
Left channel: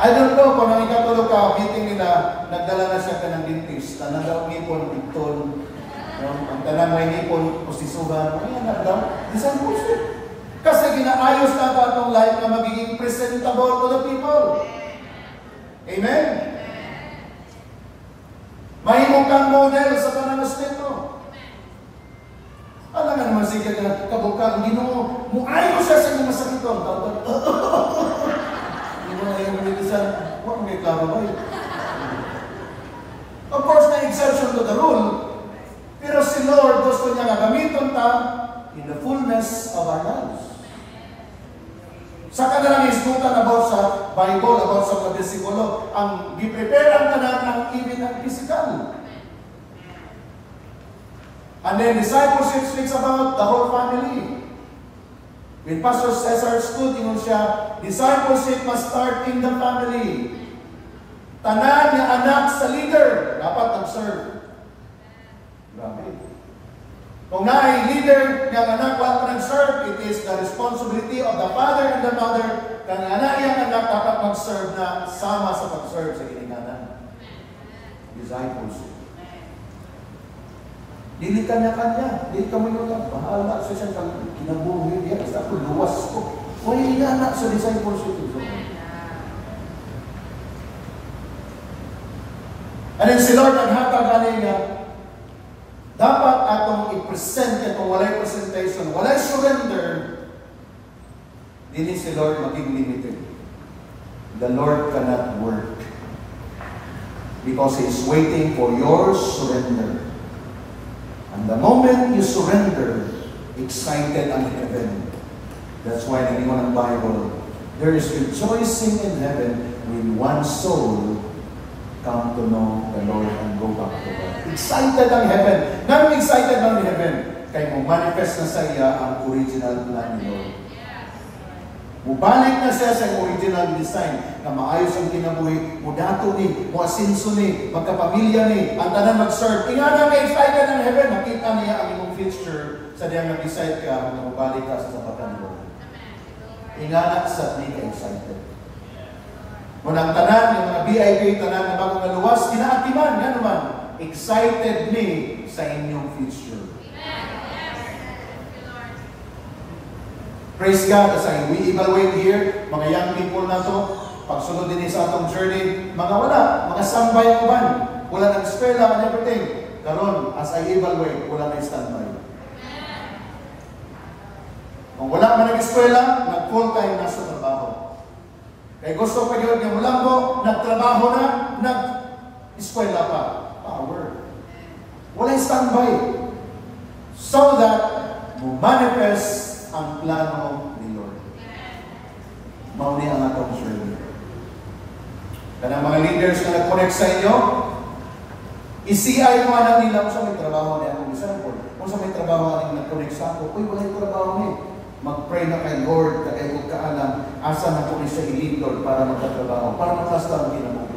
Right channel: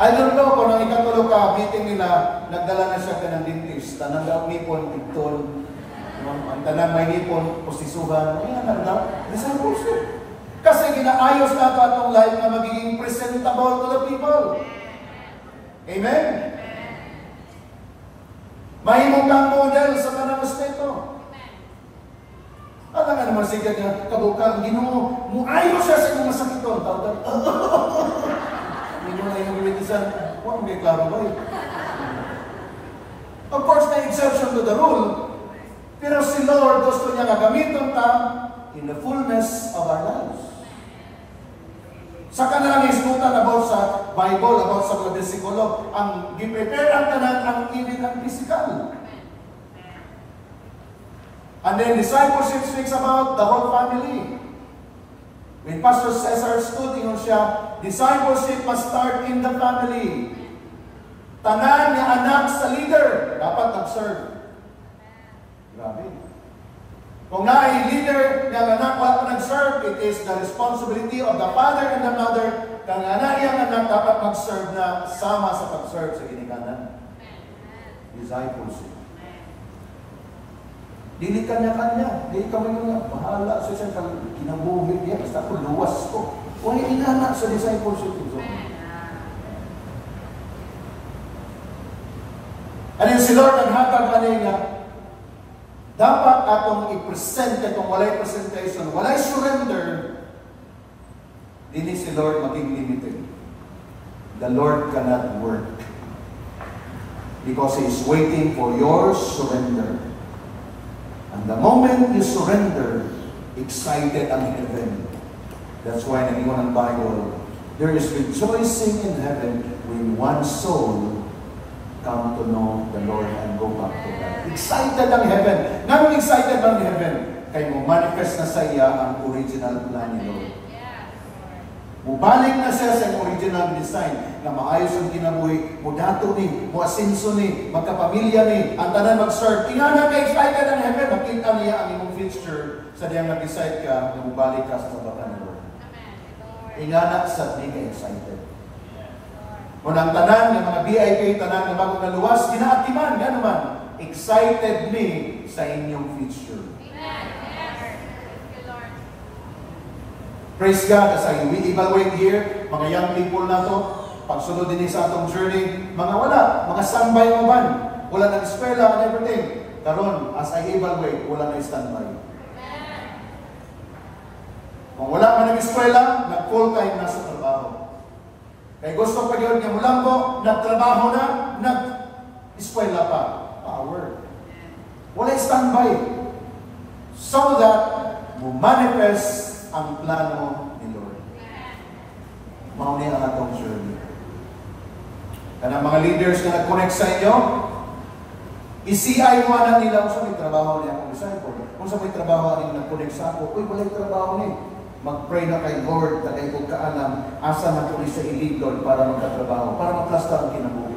I don't know kung nang ikatulog ka, meeting nila, nagdala na siya ka ng dentist. Tanang daw nipon, ipton. Ang tanang may nipon, posisuhan. Ayan, ano daw? Discipleship. Kasi ginaayos na ito atong life na magiging presentable to the people. Amen? Mahimong kang model sa pananasteto. Alam nga naman siya na kabukang, hindi mo ayos siya sa mga sakiton. Hindi mo na yung gamitisan, huwag may klaro ba yun? Of course, may exception to the rule. Pero si Lord gusto niya nga gamiton ta in the fullness of our lives. Saka na lang iskutan about sa Bible, about sa mga bersikulo, ang giprepare ang tanan ang even ang physical. And then discipleship speaks about the whole family. When Pastor Cesar stood, ingon siya, discipleship must start in the family. Tanan niya anak sa leader, dapat observe. Grabe. Kung naay leader, yung anak wala pa nag-serve, it is the responsibility of the father and the mother. Kung anak yung anak dapat mag-serve na sama sa pag-serve sa ginikanan. Discipleship. Dili kanya-kanya. Dili ka mo yung bahala sa siyang kinabuhi niya. Basta ako luwas ko. Kung inanak sa discipleship ito. And then si Lord ang hatag niya, dapat atong i-present itong walay presentation, walay surrender, dini si Lord maging limited. The Lord cannot work because He is waiting for your surrender. And the moment you surrender, excited ang heaven. That's why nag-iwan ng Bible, there is rejoicing in heaven when one soul come to know the Lord and go back to God. Excited ang heaven. Ganun excited ang heaven? Kaya mo manifest na sa iya ang original plan ni Lord. Mubalik na siya sa original design na maayos ang kinabuhi, mudato ni, muasinso ni, magkapamilya ni, ang tanan mag-serve. Ingana ka excited ang heaven, makita niya ang imong future sa diyang nag-decide ka na mubalik ka sa sabatan ni Lord. Ingana sa di ka excited. Kung ang tanan, yung mga VIP, tanan na bagong naluwas, ginaatiman, yan naman, excited me sa inyong future. Praise God, as we evaluate here, mga young people na to, pagsunod din sa atong journey, mga wala, mga standby mo ban, wala ng eskwela and everything. Karon, as I evaluate, wala na standby. nag-eskwela, nag-full time na sa trabaho. Kaya gusto pa yun yung lambo, nagtrabaho na, nag-eskwela pa. Power. Wala standby. So that manifest ang plano ni Lord. Mauni ang atong journey. Kanang mga leaders na nag-connect sa inyo, i-CI mo alam nila kung sa may trabaho niya akong disciple. Kung sa may trabaho niya nag-connect sa ako, uy, wala yung trabaho niya. Mag-pray na kay Lord, na kayo kaalam, asa na po sa ilidol para magkatrabaho, para maklasta ang kinabuhi.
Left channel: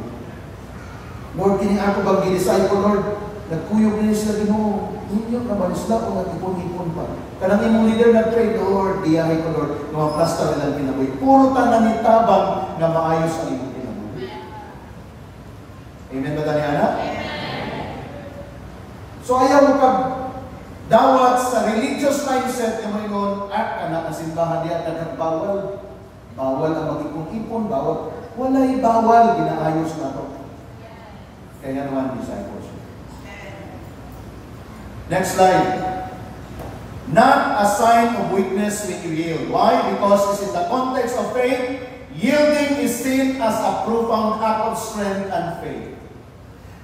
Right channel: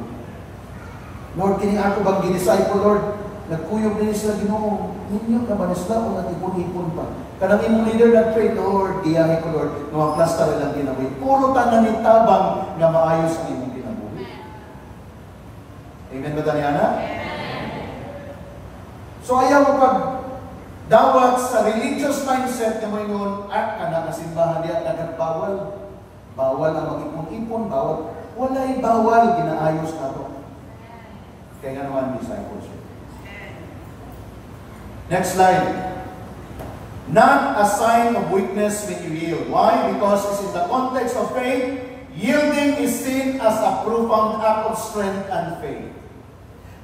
Lord, kini ako bang ginisciple, Lord? Nagkuyog din sila Ginoo. Ninyo ka ba sila kung nag-ipon-ipon pa? Kanang imong leader nag-pray, Lord, diyahe ko, Lord, na maklasta rin ang kinabuhi. Puro tanan ni tabang na maayos ang imong kinabuhi. Amen ba, Daniana? So ayaw mo pag dawat sa religious mindset na may noon, at anak na simbahan niya, nagbawal. Bawal ang mag-ipon-ipon, bawal. Wala'y bawal, ginaayos na to. Kaya naman discipleship. Next slide. Not a sign of weakness when you yield. Why? Because in the context of faith, yielding is seen as a profound act of strength and faith.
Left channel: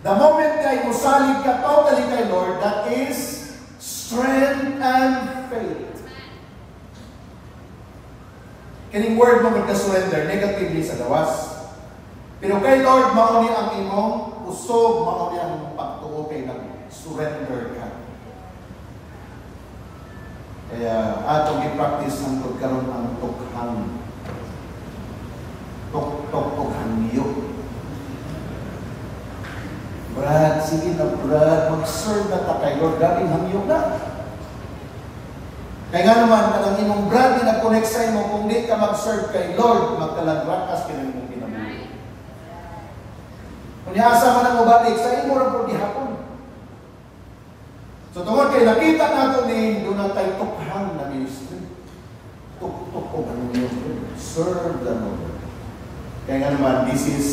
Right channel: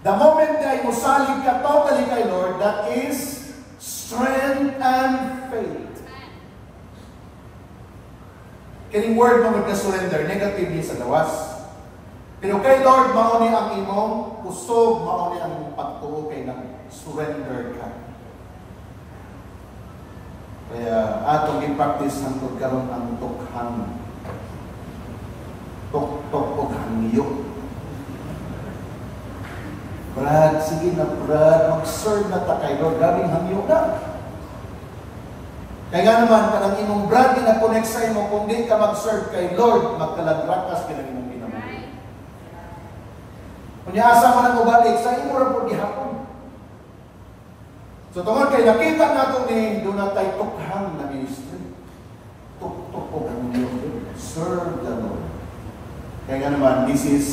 The moment na imusalig ka totally kay Lord, that is strength and faith. Kining word mo magka-surrender, negatively sa lawas. Pero kay Lord, mauni ang imong usog, mauni ang imong pagtuo kay nag-surrender ka. Kaya atong i-practice ang pagkaroon ang tukhang. Tukhang niyo. Brad, sige na Brad, mag-serve na ta kay Lord. Gabing hamyo na. Kaya nga naman, kanang imong Brad, na-connect sa imo, kung di ka mag-serve kay Lord, magkalagrakas ka ng imong pinamuhi. Kung niasa mo na ubalik, sa imo rin po di hapon. So tungkol kay nakita nato ni doon tayo tukhang na ministry. Tukhang ministry. Serve the Lord. Kaya nga naman, this is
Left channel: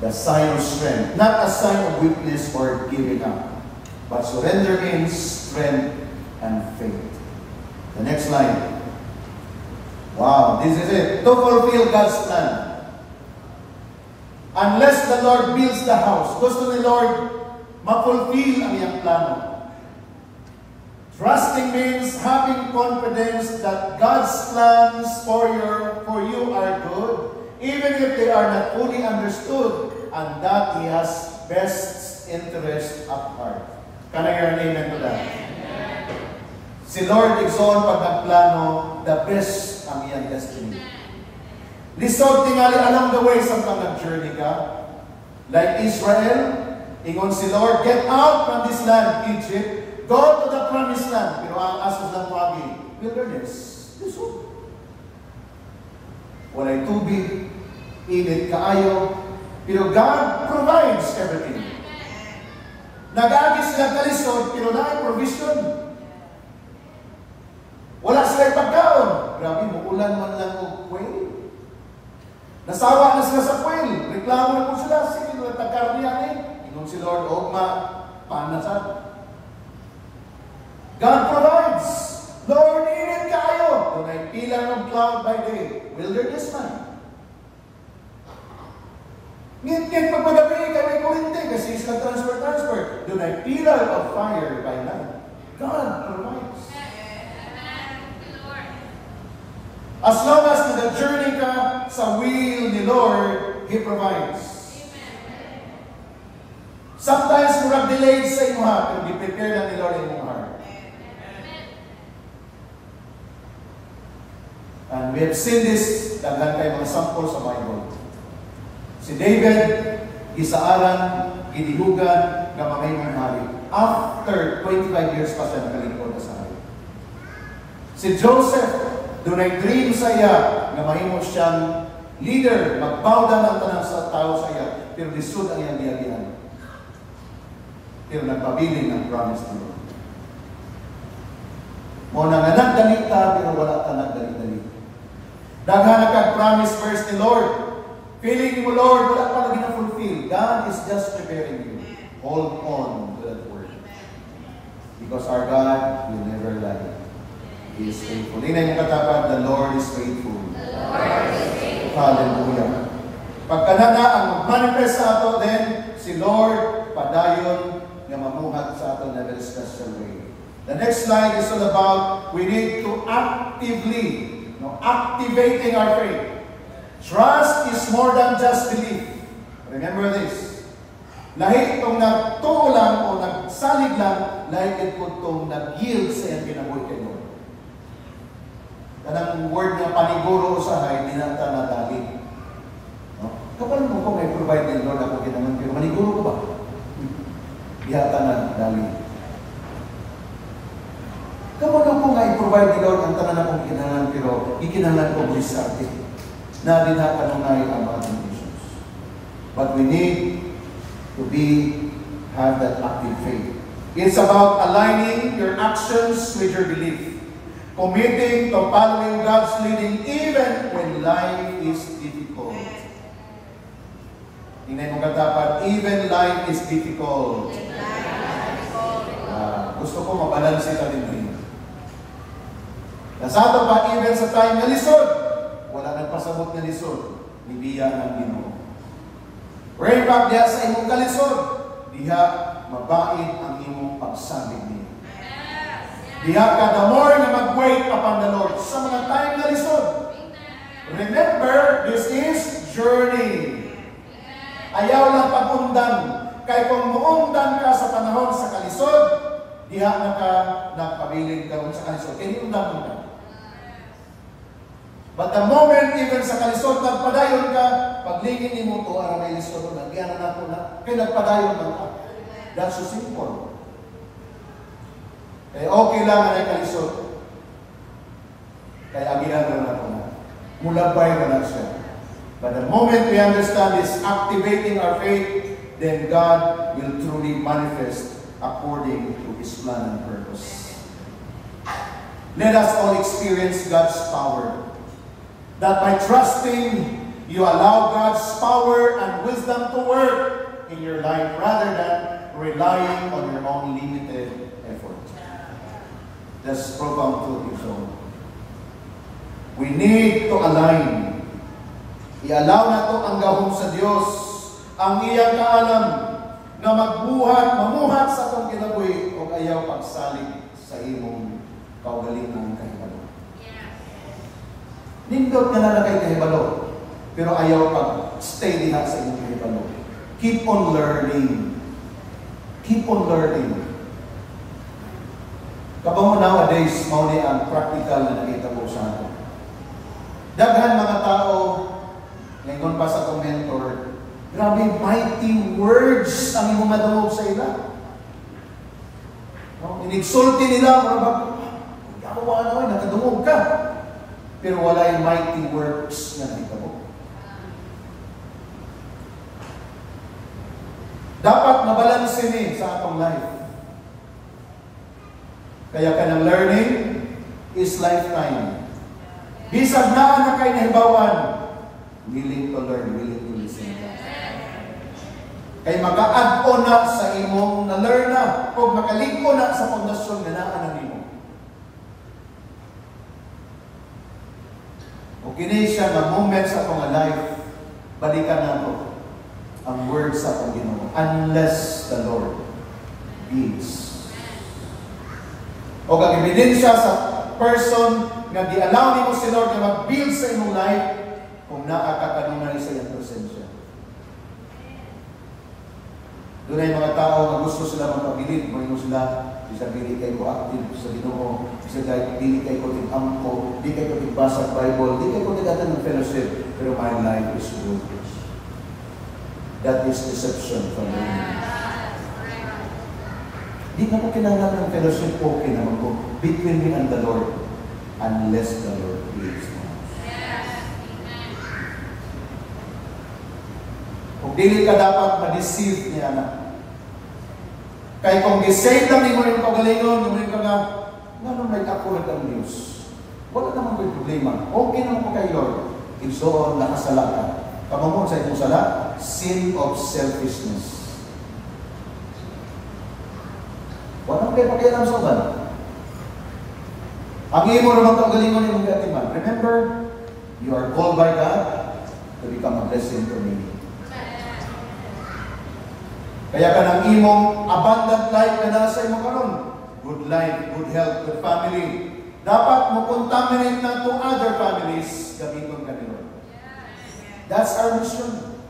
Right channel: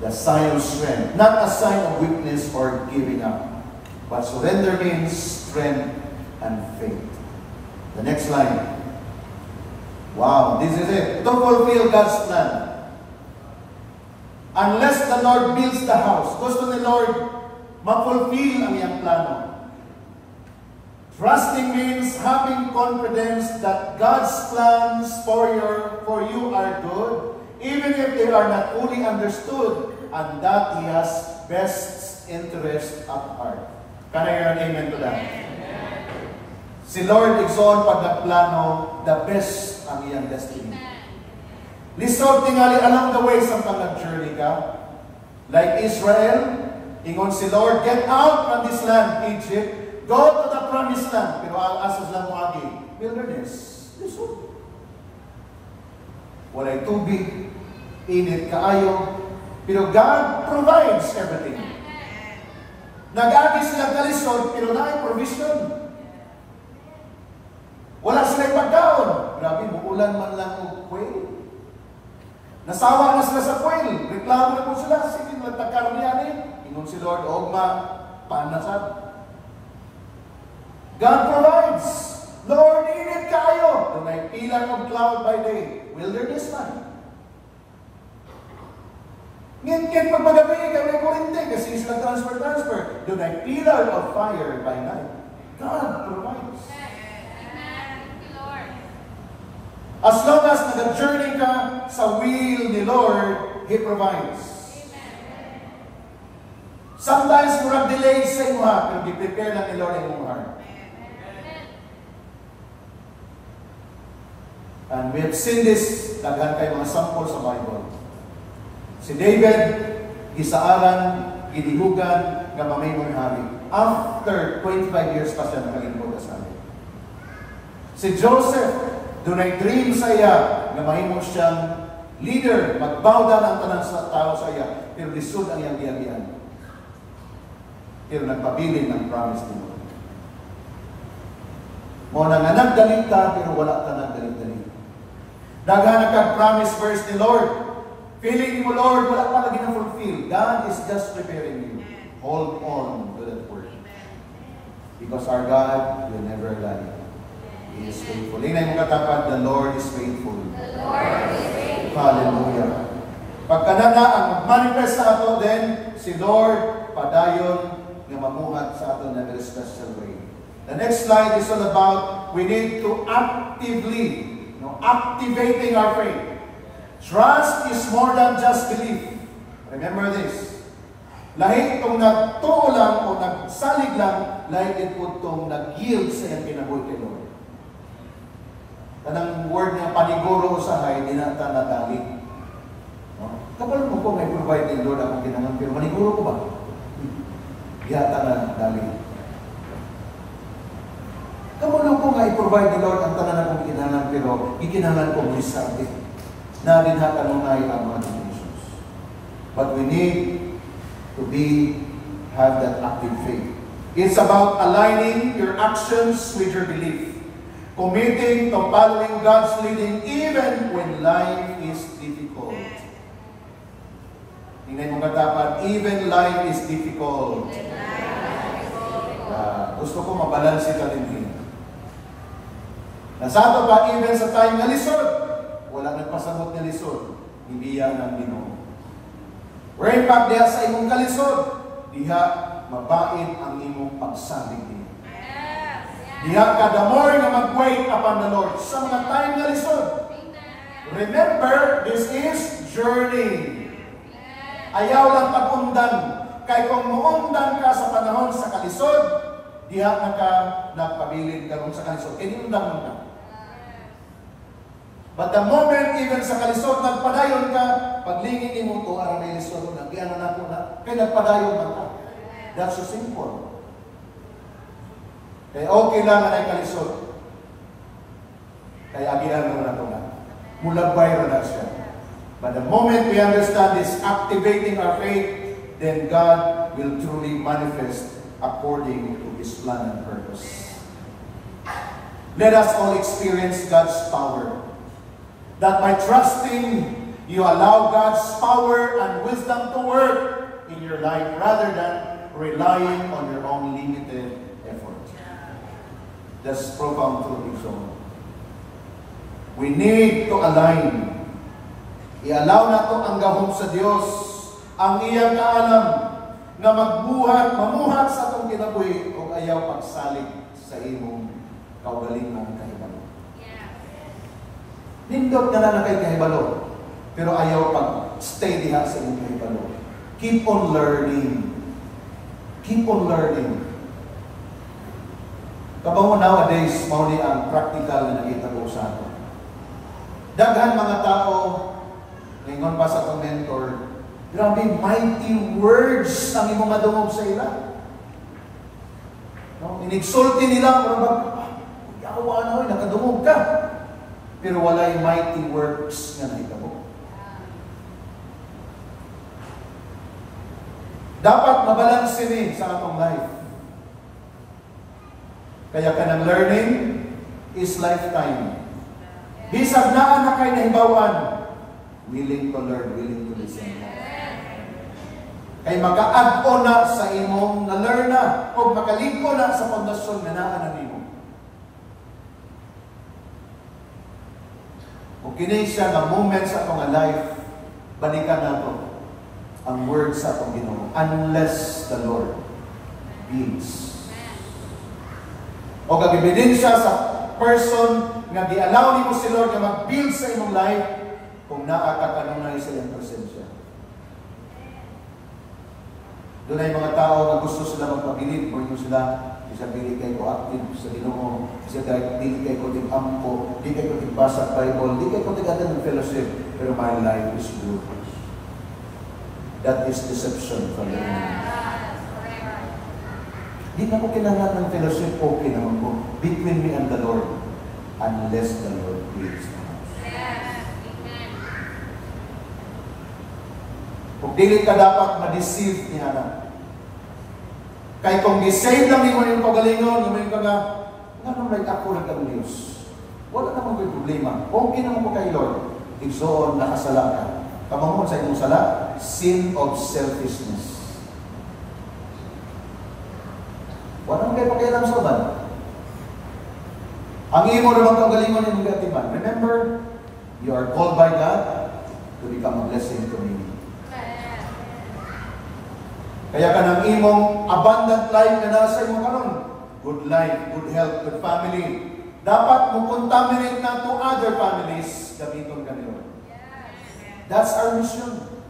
the sign of strength, not a sign of weakness or giving up. But surrender means strength and faith. The next line. Wow, this is it. To fulfill God's plan. Unless the Lord builds the house, gusto ni Lord ma-fulfill ang iyang plano. Trusting means having confidence that God's plans for you are good, even if they are not fully understood, and that He has best interest at heart. Can I hear an amen to that? Si Lord igsoon pag nagplano, the best ang iyang destiny. Lisod tingali along the way sa pag nag-journey ka. Like Israel, ingon si Lord, get out from this land, Egypt, go to the promised land. Pero ang asas lang lagi, wilderness. Lisod. Walay tubig, init kaayo, pero God provides everything. Nag-agis sila kalisod, pero na provision. Wala sila pagkaon. Grabe, muulan man lang o quail. Nasawa na sila sa quail. Reklamo na po sila. Sige, nagtagkaroon niya eh. Ingon si Lord, o panasad. God provides. Lord, init kayo. Kung may pillar of cloud by day, wilderness man. Ngit-ngit pag magabi, kami kurente kasi isla transfer. Doon ay pillar of fire by night. God provides. As long as nag-journey ka sa will ni Lord, He provides. Sometimes murag delayed sa imo ha, pero di-prepare na ni Lord in your heart. And we have seen this, daghan kay mga sample sa Bible. Si David, gisaaran, gidihugan, gamamay mong hari. After 25 years pa siya nakalingkod sa hari. Si Joseph, doon ay dream sa iya, gamamay mo siyang leader, magbawda ng tanang sa tao sa iya, pero lisod ang iyang giyagian. Pero nagpabilin ng promise ni Lord. Mo nang nagdalit ka, pero wala ka nagdalit-dalit. Daghan kag-promise first ni Lord. Feeling mo, Lord, wala pa lagi na-fulfill. God is just preparing you. Hold on to that word. Because our God will never lie. He is faithful. Hindi mo katapat, the Lord is faithful. Hallelujah. Pagka na ang manifest sa ato, then si Lord padayon nga mamuhat sa ato na very special way. The next slide is all about we need to activating our faith. Trust is more than just belief. Remember this. Lahi itong nagtuo lang o nagsalig lang, lahi itong nag-yield sa iyang kinabuhi kay Lord. Kanang word nga paniguro usahay, dinanta na dali. No? Kapal mo ko may provide ni Lord ako kinangan, pero maniguro ko ba? Yata na dali. Kapal mo nga i-provide ni Lord ang tanan akong kinangan, pero ikinangan ko risate. Na din ha kanunay ang mga conditions. But we need to have that active faith. It's about aligning your actions with your belief. Committing to following God's leading even when life is difficult. Tingnan mo katapat, even life is difficult. Gusto ko mabalansi ka din. Nasa ato pa, even sa tayong nalisod, wala nagpasabot na lisod, hindi yan ang Ginoo. Rain back diha sa imong kalisod, diha mabait ang imong pagsalig niya. Diha ka the more na mag-wait upon the Lord. Sa mga tayong nalisod, remember, this is journey. Ayaw lang pag-undan. Kaya kung muundan ka sa panahon sa kalisod, diha na ka nagpabilin ka sa kalisod. Kaya undan mo ka. But the moment even sa kalisod, nagpadayon ka, paglingin mo ito, ang may lisod, nagyan na ako na, kaya nagpadayon man ka. That's so simple. Kaya okay lang ang kalisod. Kaya agihan na ako na. Mulabay na siya. But the moment we understand this, activating our faith, then God will truly manifest according to His plan and purpose. Let us all experience God's power. That by trusting, you allow God's power and wisdom to work in your life rather than relying on your own limited effort. That's profound truth. We need to align. I-allow na to ang gahom sa Diyos, ang iyang kaalam na mamuhat sa atong kinabuhi o ayaw pagsalig sa imong kaugaling mong kahibalo. Nindot na kay kahibalo, pero ayaw pag-stay diha sa imong kahibalo. Keep on learning. Keep on learning. Kapag nowadays, mauni ang practical na nakita ko sa ato. Daghan mga tao, ngayon pa sa itong mentor, grabe, mighty words ang imong madungog sa ila. No? Inigsulti nila, ako ano, nakadungog ka. Pero wala yung mighty works na nakita mo. Dapat mabalansin ni sa atong life. Kaya kanang learning is lifetime. Bisag na kay nahibawan, willing to learn, willing to listen. Kay mag-add-on na sa imong na-learn na, kung makalig-on na sa pundasyon na naan nimo. Kung kini siya na moment sa mga life, balikan nato ang word sa atong Ginoo, unless the Lord gives. O kag ebidensya sa person nga di-allow nimo si Lord na mag-build sa imong life kung nakakakanunay sa iyang presensya. Doon ay mga tao na gusto sila magpabilid, mo sila, isa dili kay ko active sa Ginoo, isa dili kay ko tig-ampo, di kay ko tigbasa Bible, di kay ko tig-attend ng fellowship, pero my life is good. That is deception from the enemy. Di na ko kinanglan ng fellowship, okay naman ko, between me and the Lord, unless the Lord gives me. Kung dili ka dapat ma-deceive niya na. Kaya kung di-save lang mo yung pagalingon, naman ka na, nga may kapulat ang Diyos. Wala naman may problema. Okay naman po kay Lord. Igsoon na kasala ka. Kamamon sa itong sala, sin of selfishness. Walang kayo pakialam sa uban. Ang imo naman kaugalingon yung mga atiman. Remember, you are called by God to become a blessing to many. Kaya ka ng imong abundant life na nasa imo karon, good life, good health, good family, dapat mo contaminate na to other families gamiton ka ni Lord. That's our mission.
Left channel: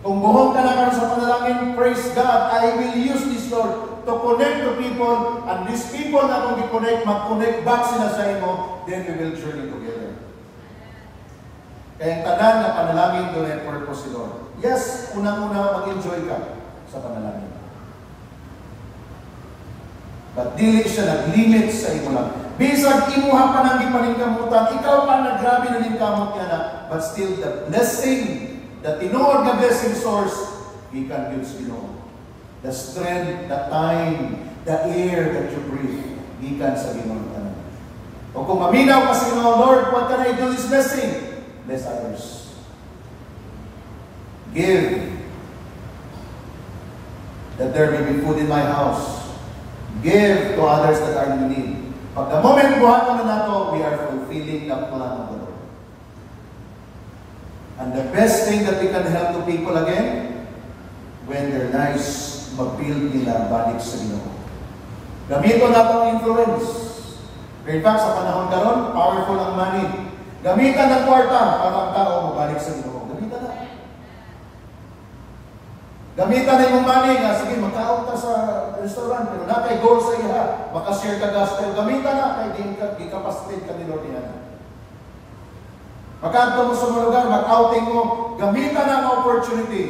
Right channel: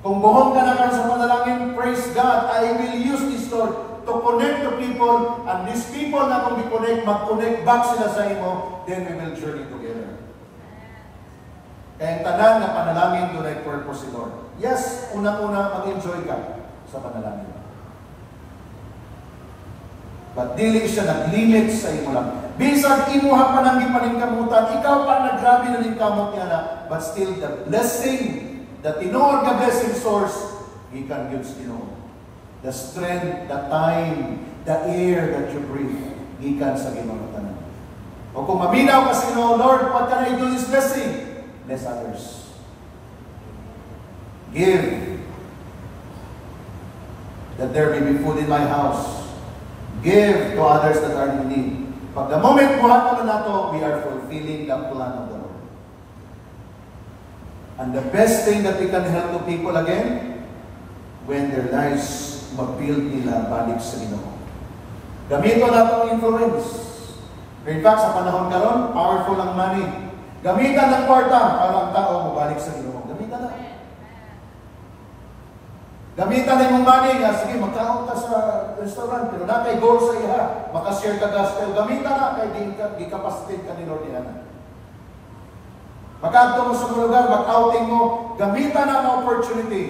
Kung buhong ka na karon sa panalangin, praise God, I will use this Lord to connect to people, and these people na kung di-connect, mag-connect back sila sa imo, then we will journey together. Kaya ang tanan na panalangin doon ay purpose si Lord. Yes, unang-una mag-enjoy ka sa panalangin. But dili siya nag-limit sa imo lang. Bisag imuha pa nang ipaningkamutan, ikaw pa naggrabe na ningkamot ka na, but still the blessing, the tinuod na blessing source, He can give Ginoo. The strength, the time, the air that you breathe, He can sa Ginoo tanan. O kung maminaw ka sa Ginoo, Lord, what can I do this blessing? Bless others. Give, that there may be food in my house. Give to others that are in need. Pag the moment buhaton na nato, we are fulfilling the plan of the Lord. And the best thing that we can help to people again, when their lives mag-build nila balik sa Ginoo. Gamito nato ang influence. In fact, sa panahon karon, powerful ang money. Gamitan ng kwarta para ang tao mabalik sa Ginoo. Gamitan na. Gamitan na yung money nga, sige, magkaon ka sa restaurant, pero na kay goal sa iya, makashare ka gospel. Gamitan na, kay di kapasitin ka ni Lord yan. Magkanto mo sa mga lugar, mag-outing mo, gamitan na ang opportunity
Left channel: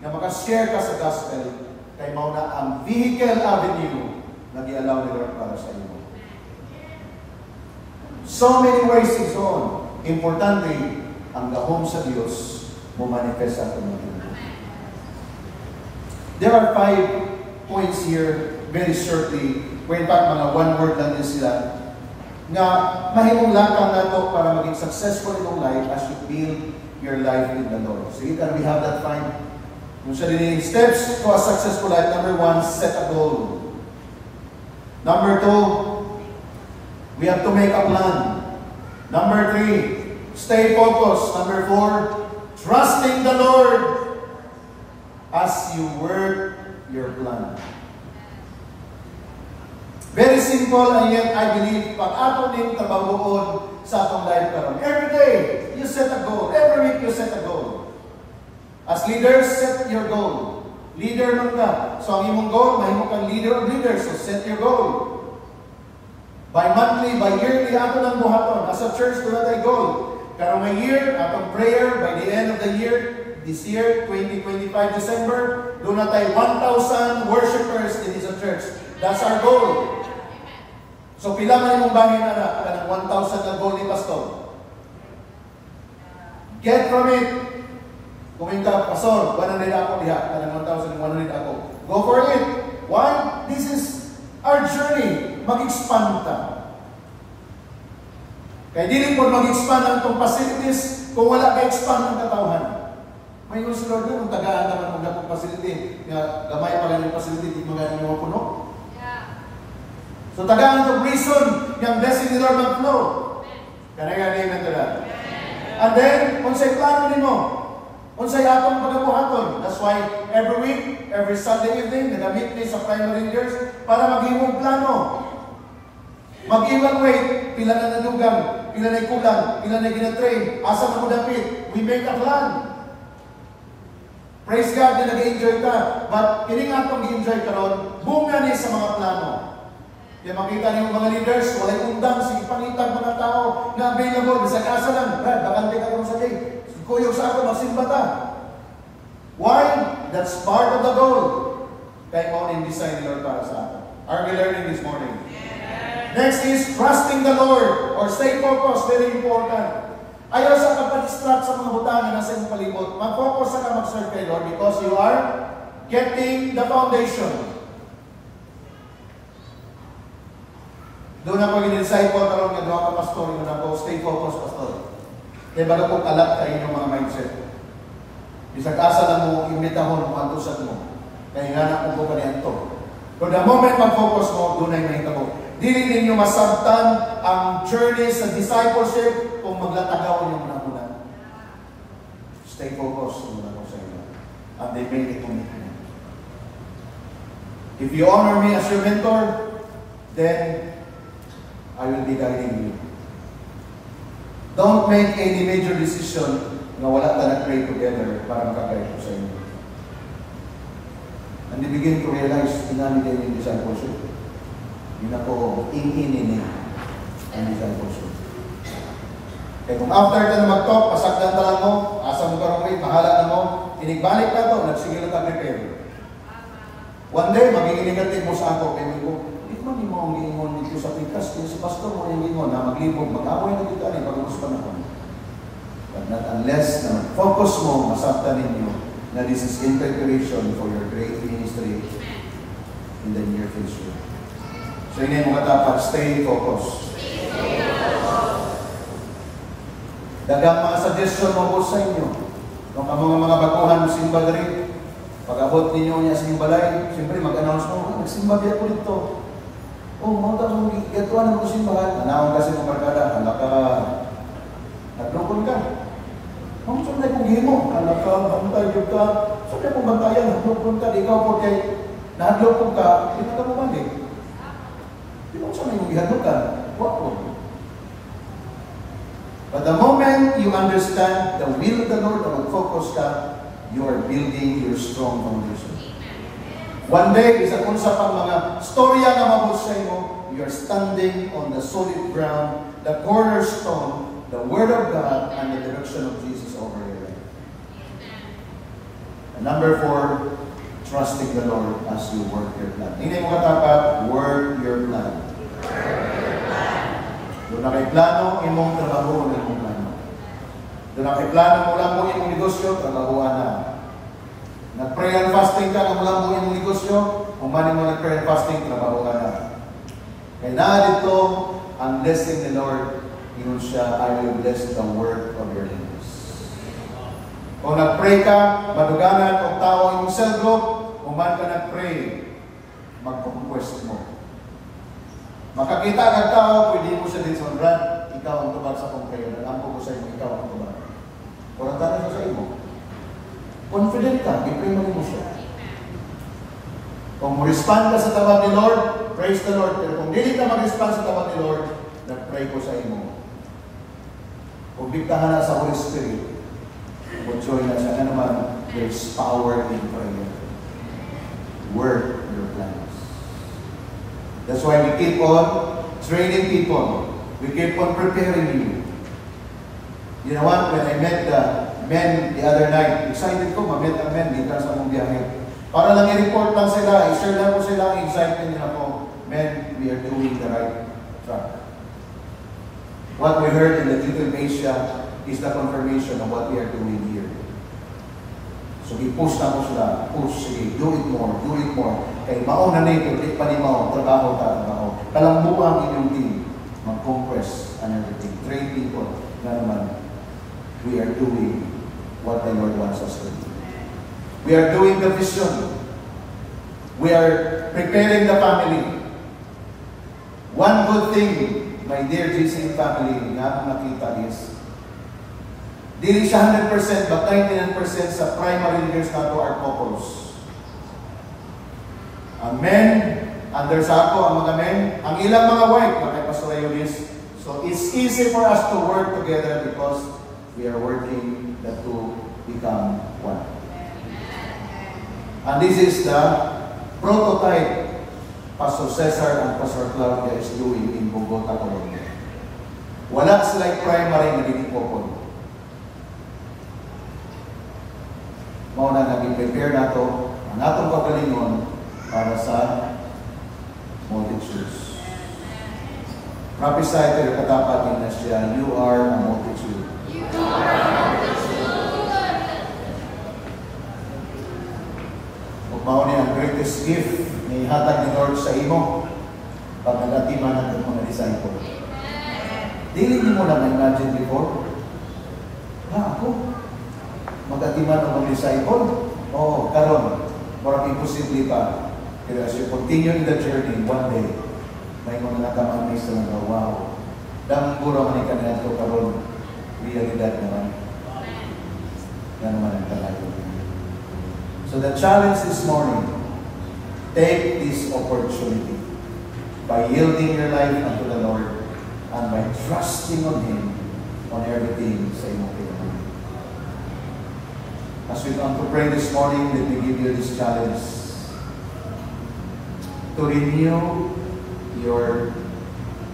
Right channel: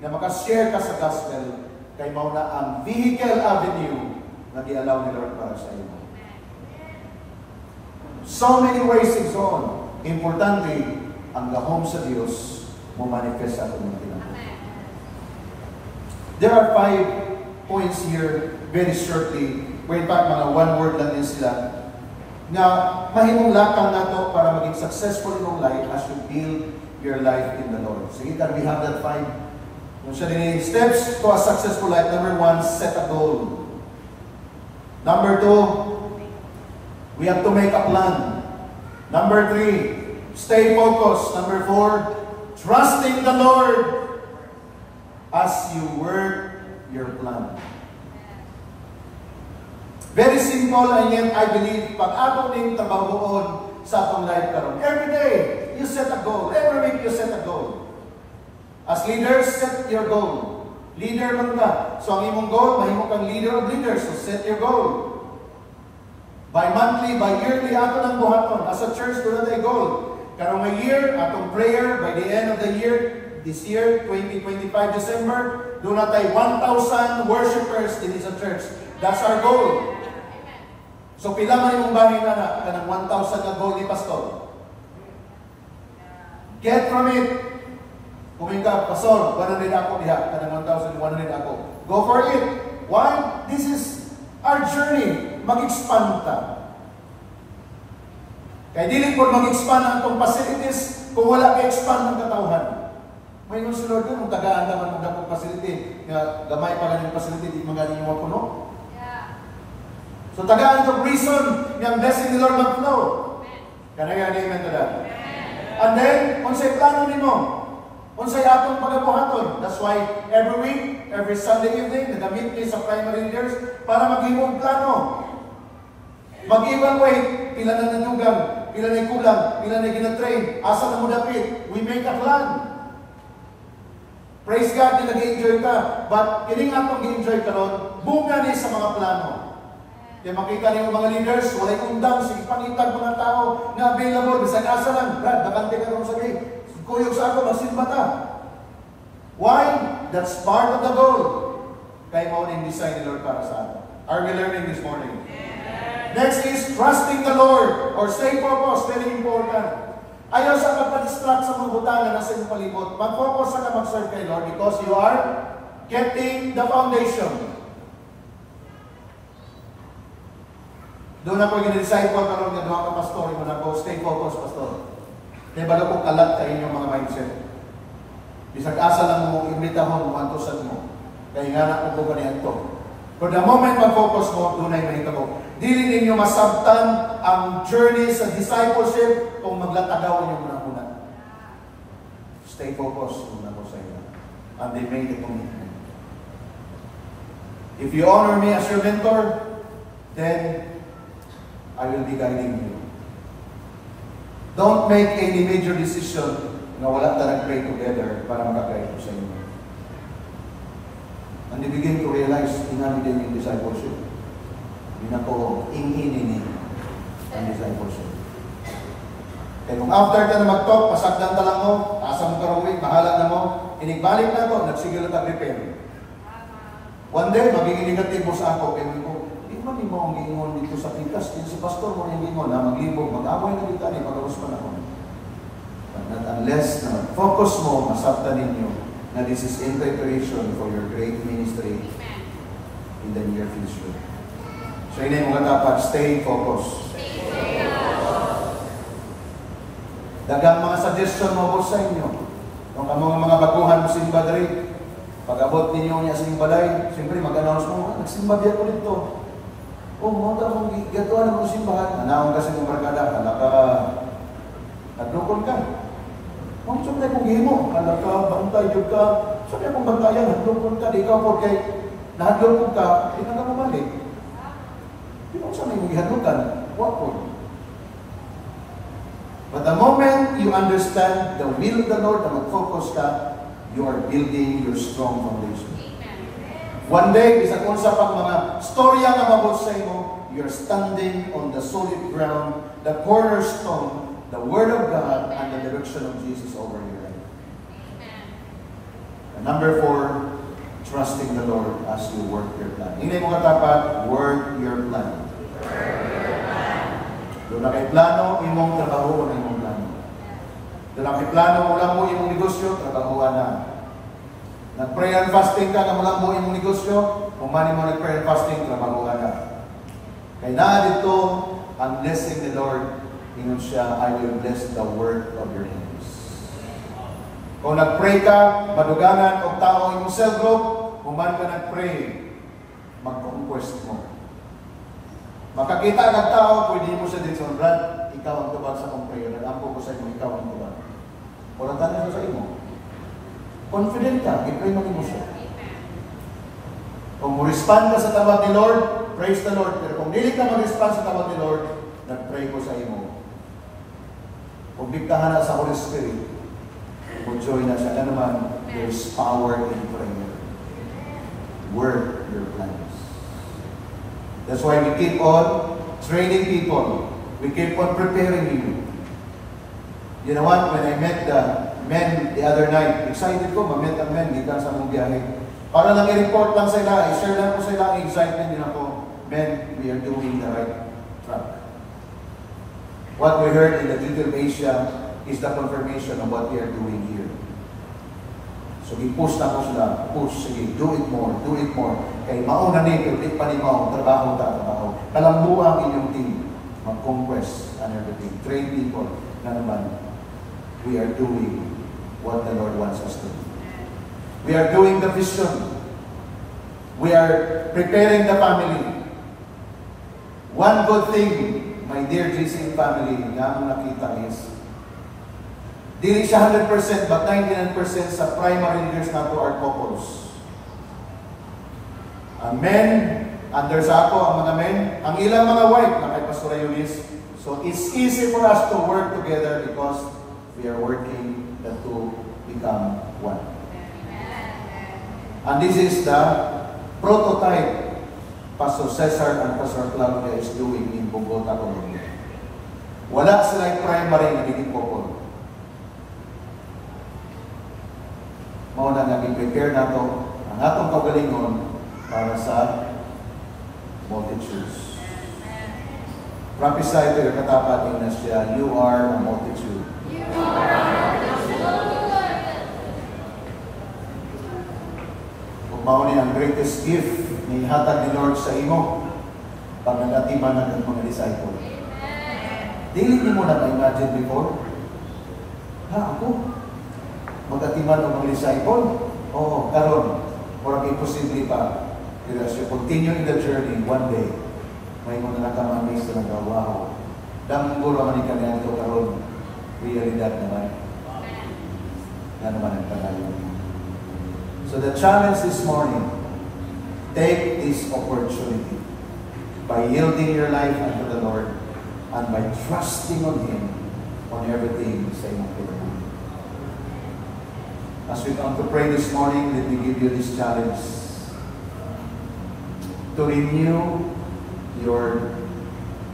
na makashare ka sa gospel, kay mao na ang vehicle avenue na di-allow ni Lord para sa iyo. So many ways is on. Importante, ang gahom sa Diyos mo manifest sa itong mga. There are 5 points here, very shortly, where in fact mga one word lang din sila, nga mahimong lakang na to para maging successful in your life as you build your life in the Lord. Sige, can we have that 5? Yung siya din, steps to a successful life. Number 1, set a goal. Number 2, we have to make a plan. Number 3, stay focused. Number 4, trusting the Lord as you work your plan. Very simple, and yet I believe pag ato ning trabahoon sa atong life karon. Every day, you set a goal. Every week, you set a goal. As leaders, set your goal. Leader man ka. So ang imong goal, mahimo kang leader of leaders. So set your goal. By monthly, by yearly, ato lang buhaton. As a church, doon na tayo goal. Karong may year, atong prayer, by the end of the year, this year, 2025 December, doon na tayo 1,000 worshipers in this church. That's our goal. So pila man imong bangin na kanang 1,000 na goal ni pastor. Get from it. Kuminta, pastor, 100 ako diha, kanang 1,100 ako. Go for it. Why? This is our journey. Mag-expand ta. Kaya dili po mag-expand ang itong facilities kung wala ka-expand ang katawhan. May nung si Lord yun, tagaan naman mong datong facility. Kaya gamay pa rin yung facility, di mga rin mo puno. So tagaan itong reason yung blessing ni Lord mag-flow. Kaya amen to that. And then, kung sa'y plano nino, kung sa'y atong pagabuhaton. That's why every week, every Sunday evening, nagamit ni sa primary leaders para mag-iwang plano. Mag-evaluate, pila na nadugang, pila na kulang, pila na ginatrain, asa na mo dapit. We make a plan. Praise God na nag-enjoy ka. But kining atong gi-enjoy karon, bunga ni sa mga plano. Kaya makita niyo mga leaders, walay undang, sige pangitag mga tao na available, bisag asa lang, Brad, bakante ka ron sa day. Kuyog sa ako, magsimba ta. Why? That's part of the goal. Kaya mo rin design ni Lord para sa atin. Are we learning this morning? Next is trusting the Lord or stay focused, very important. Ayaw sa kapadistract sa mga butang na nasa iyong palibot. Mag-focus sa ka mag-serve kay Lord because you are getting the foundation. Doon ako gini-decide po karon nga duha ka pastor, mo na po stay focused pastor. Kaya ba ko kalat kayo yung mga mindset. Bisag asa lang mo imbitahon mo antusan mo. Kaya nga na ko ba niyan to. For the moment mag-focus mo, doon ay mahita ko. Dili ninyo masabtan ang journey sa discipleship kung maglatagaw yung una. Stay focused muna ko sa inyo. And they made a commitment. If you honor me as your mentor, then I will be guiding you. Don't make any major decision na wala na nag-pray together para makagay ko sa inyo. And they begin to realize, inami din yung discipleship. Yun ako, inginin ang discipleship. Kaya kung after ka na mag-talk, pasakdan ka lang mo, asa mo karong mahala na mo, inigbalik na to, nagsigil na tag-repair. One day, magiging negative mo sa ako, pero ko, hindi mo ang giingon dito sa pikas, dito sa pastor mo yung giingon na maglibog, mag-amoy na kita ni pag-uus pa na ko. But not unless na focus mo, masaktan ninyo na this is in preparation for your great ministry in the near future. So yun yung mga dapat, stay focused. Dagang mga suggestion mo po sa inyo. Kung mga baguhan mo simba rin, pag-abot ninyo niya sa imbalay, siyempre mag-announce mo, nagsimba biya ko dito. Mga taong gatuan mo simbahan. Anawang kasi kung markada, naglukon ka. Kung saan na kong himo, bantay yung ka, saan na kong bantayan, naglukon ka, ikaw po kay naglukon ka, hindi na bumalik. Kung saan yung gihanukan, wapon. But the moment you understand the will of the Lord na mag-focus ka, you are building your strong foundation. One day, isa kung sa pang mga storya na mabos sa imo, you are standing on the solid ground, the cornerstone, the Word of God, and the direction of Jesus over your life. And number 4, trusting the Lord as you work your plan. Hindi mo katapat, work your plan. Doon na kay plano, imong trabaho na imong plano. Doon na kay plano mo lang mo imong negosyo, trabahoan na. Nag-pray and fasting ka na mo lang mo imong negosyo, umani mo nag-pray and fasting, trabahoan na. Kaya na dito, ang blessing the Lord, ingon siya, I will bless the work of your hands. Kung nag-pray ka, maduganan o tao imong cell group, uman ka nag-pray, magpakukwest mo. Makakita kang tao, pwede mo siya din sa brand, ikaw ang tubag sa kong prayer. Nag-ampo ko sa inyo, ikaw ang tubag. Wala tayo sa imo. Confident ka, i-pray mo siya. Kung respond ka sa tawag ni Lord, praise the Lord. Pero kung hindi ka mag-respond sa tawag ni Lord, nag-pray ko sa imo. Kung bigtahan na sa Holy Spirit, kung joy na siya na naman, there is power in prayer. Work your plans. That's why we keep on training people. We keep on preparing you. You know what? When I met the men the other night, excited ko, ma-met ang men, di ka sa mong biyahe. Para lang i-report lang sila, i-share lang po sila ang excitement nila po. Men, we are doing the right track. What we heard in the Eagle Asia is the confirmation of what we are doing here. So i-push na po sila, push, sige, do it more, do it more. Kaya mauna na ito, di pa ni mo, trabaho. Kalambuang inyong team, mag-conquest and everything. Train people na naman, we are doing what the Lord wants us to do. We are doing the vision. We are preparing the family. One good thing, my dear GC family, na akong nakita is, dili siya 100%, but 99% sa primary leaders na to are couples. Ang men, under sa ako, ang mga men, ang ilang mga wife, na kay Pastor Ayonis. So it's easy for us to work together because we are working the two become one. And this is the prototype Pastor Cesar and Pastor Claudia is doing in Bogota, Colombia. Wala sila primary na dinipokon. Mao na naging prepare na to ang atong kagalingon para sa multitudes. Prophesy to your katapat na siya, you are a multitude. You are a multitude. Kung mao ni ang greatest gift ni hatag ni Lord sa imo, pag nagatiman ng mga disciple. Dili mo na ma-imagine before, ako, mag-atiman ng mga disciple? Oo, karon. Parang imposible pa. Pero as you continue in the journey, one day, may mga nakamamis na wow. Dahil puro man ikanyan ito karon, realidad naman. Na naman ang talaga. So the challenge this morning, take this opportunity by yielding your life unto the Lord and by trusting on Him on everything sa iyong kailangan. As we come to pray this morning, let me give you this challenge to renew your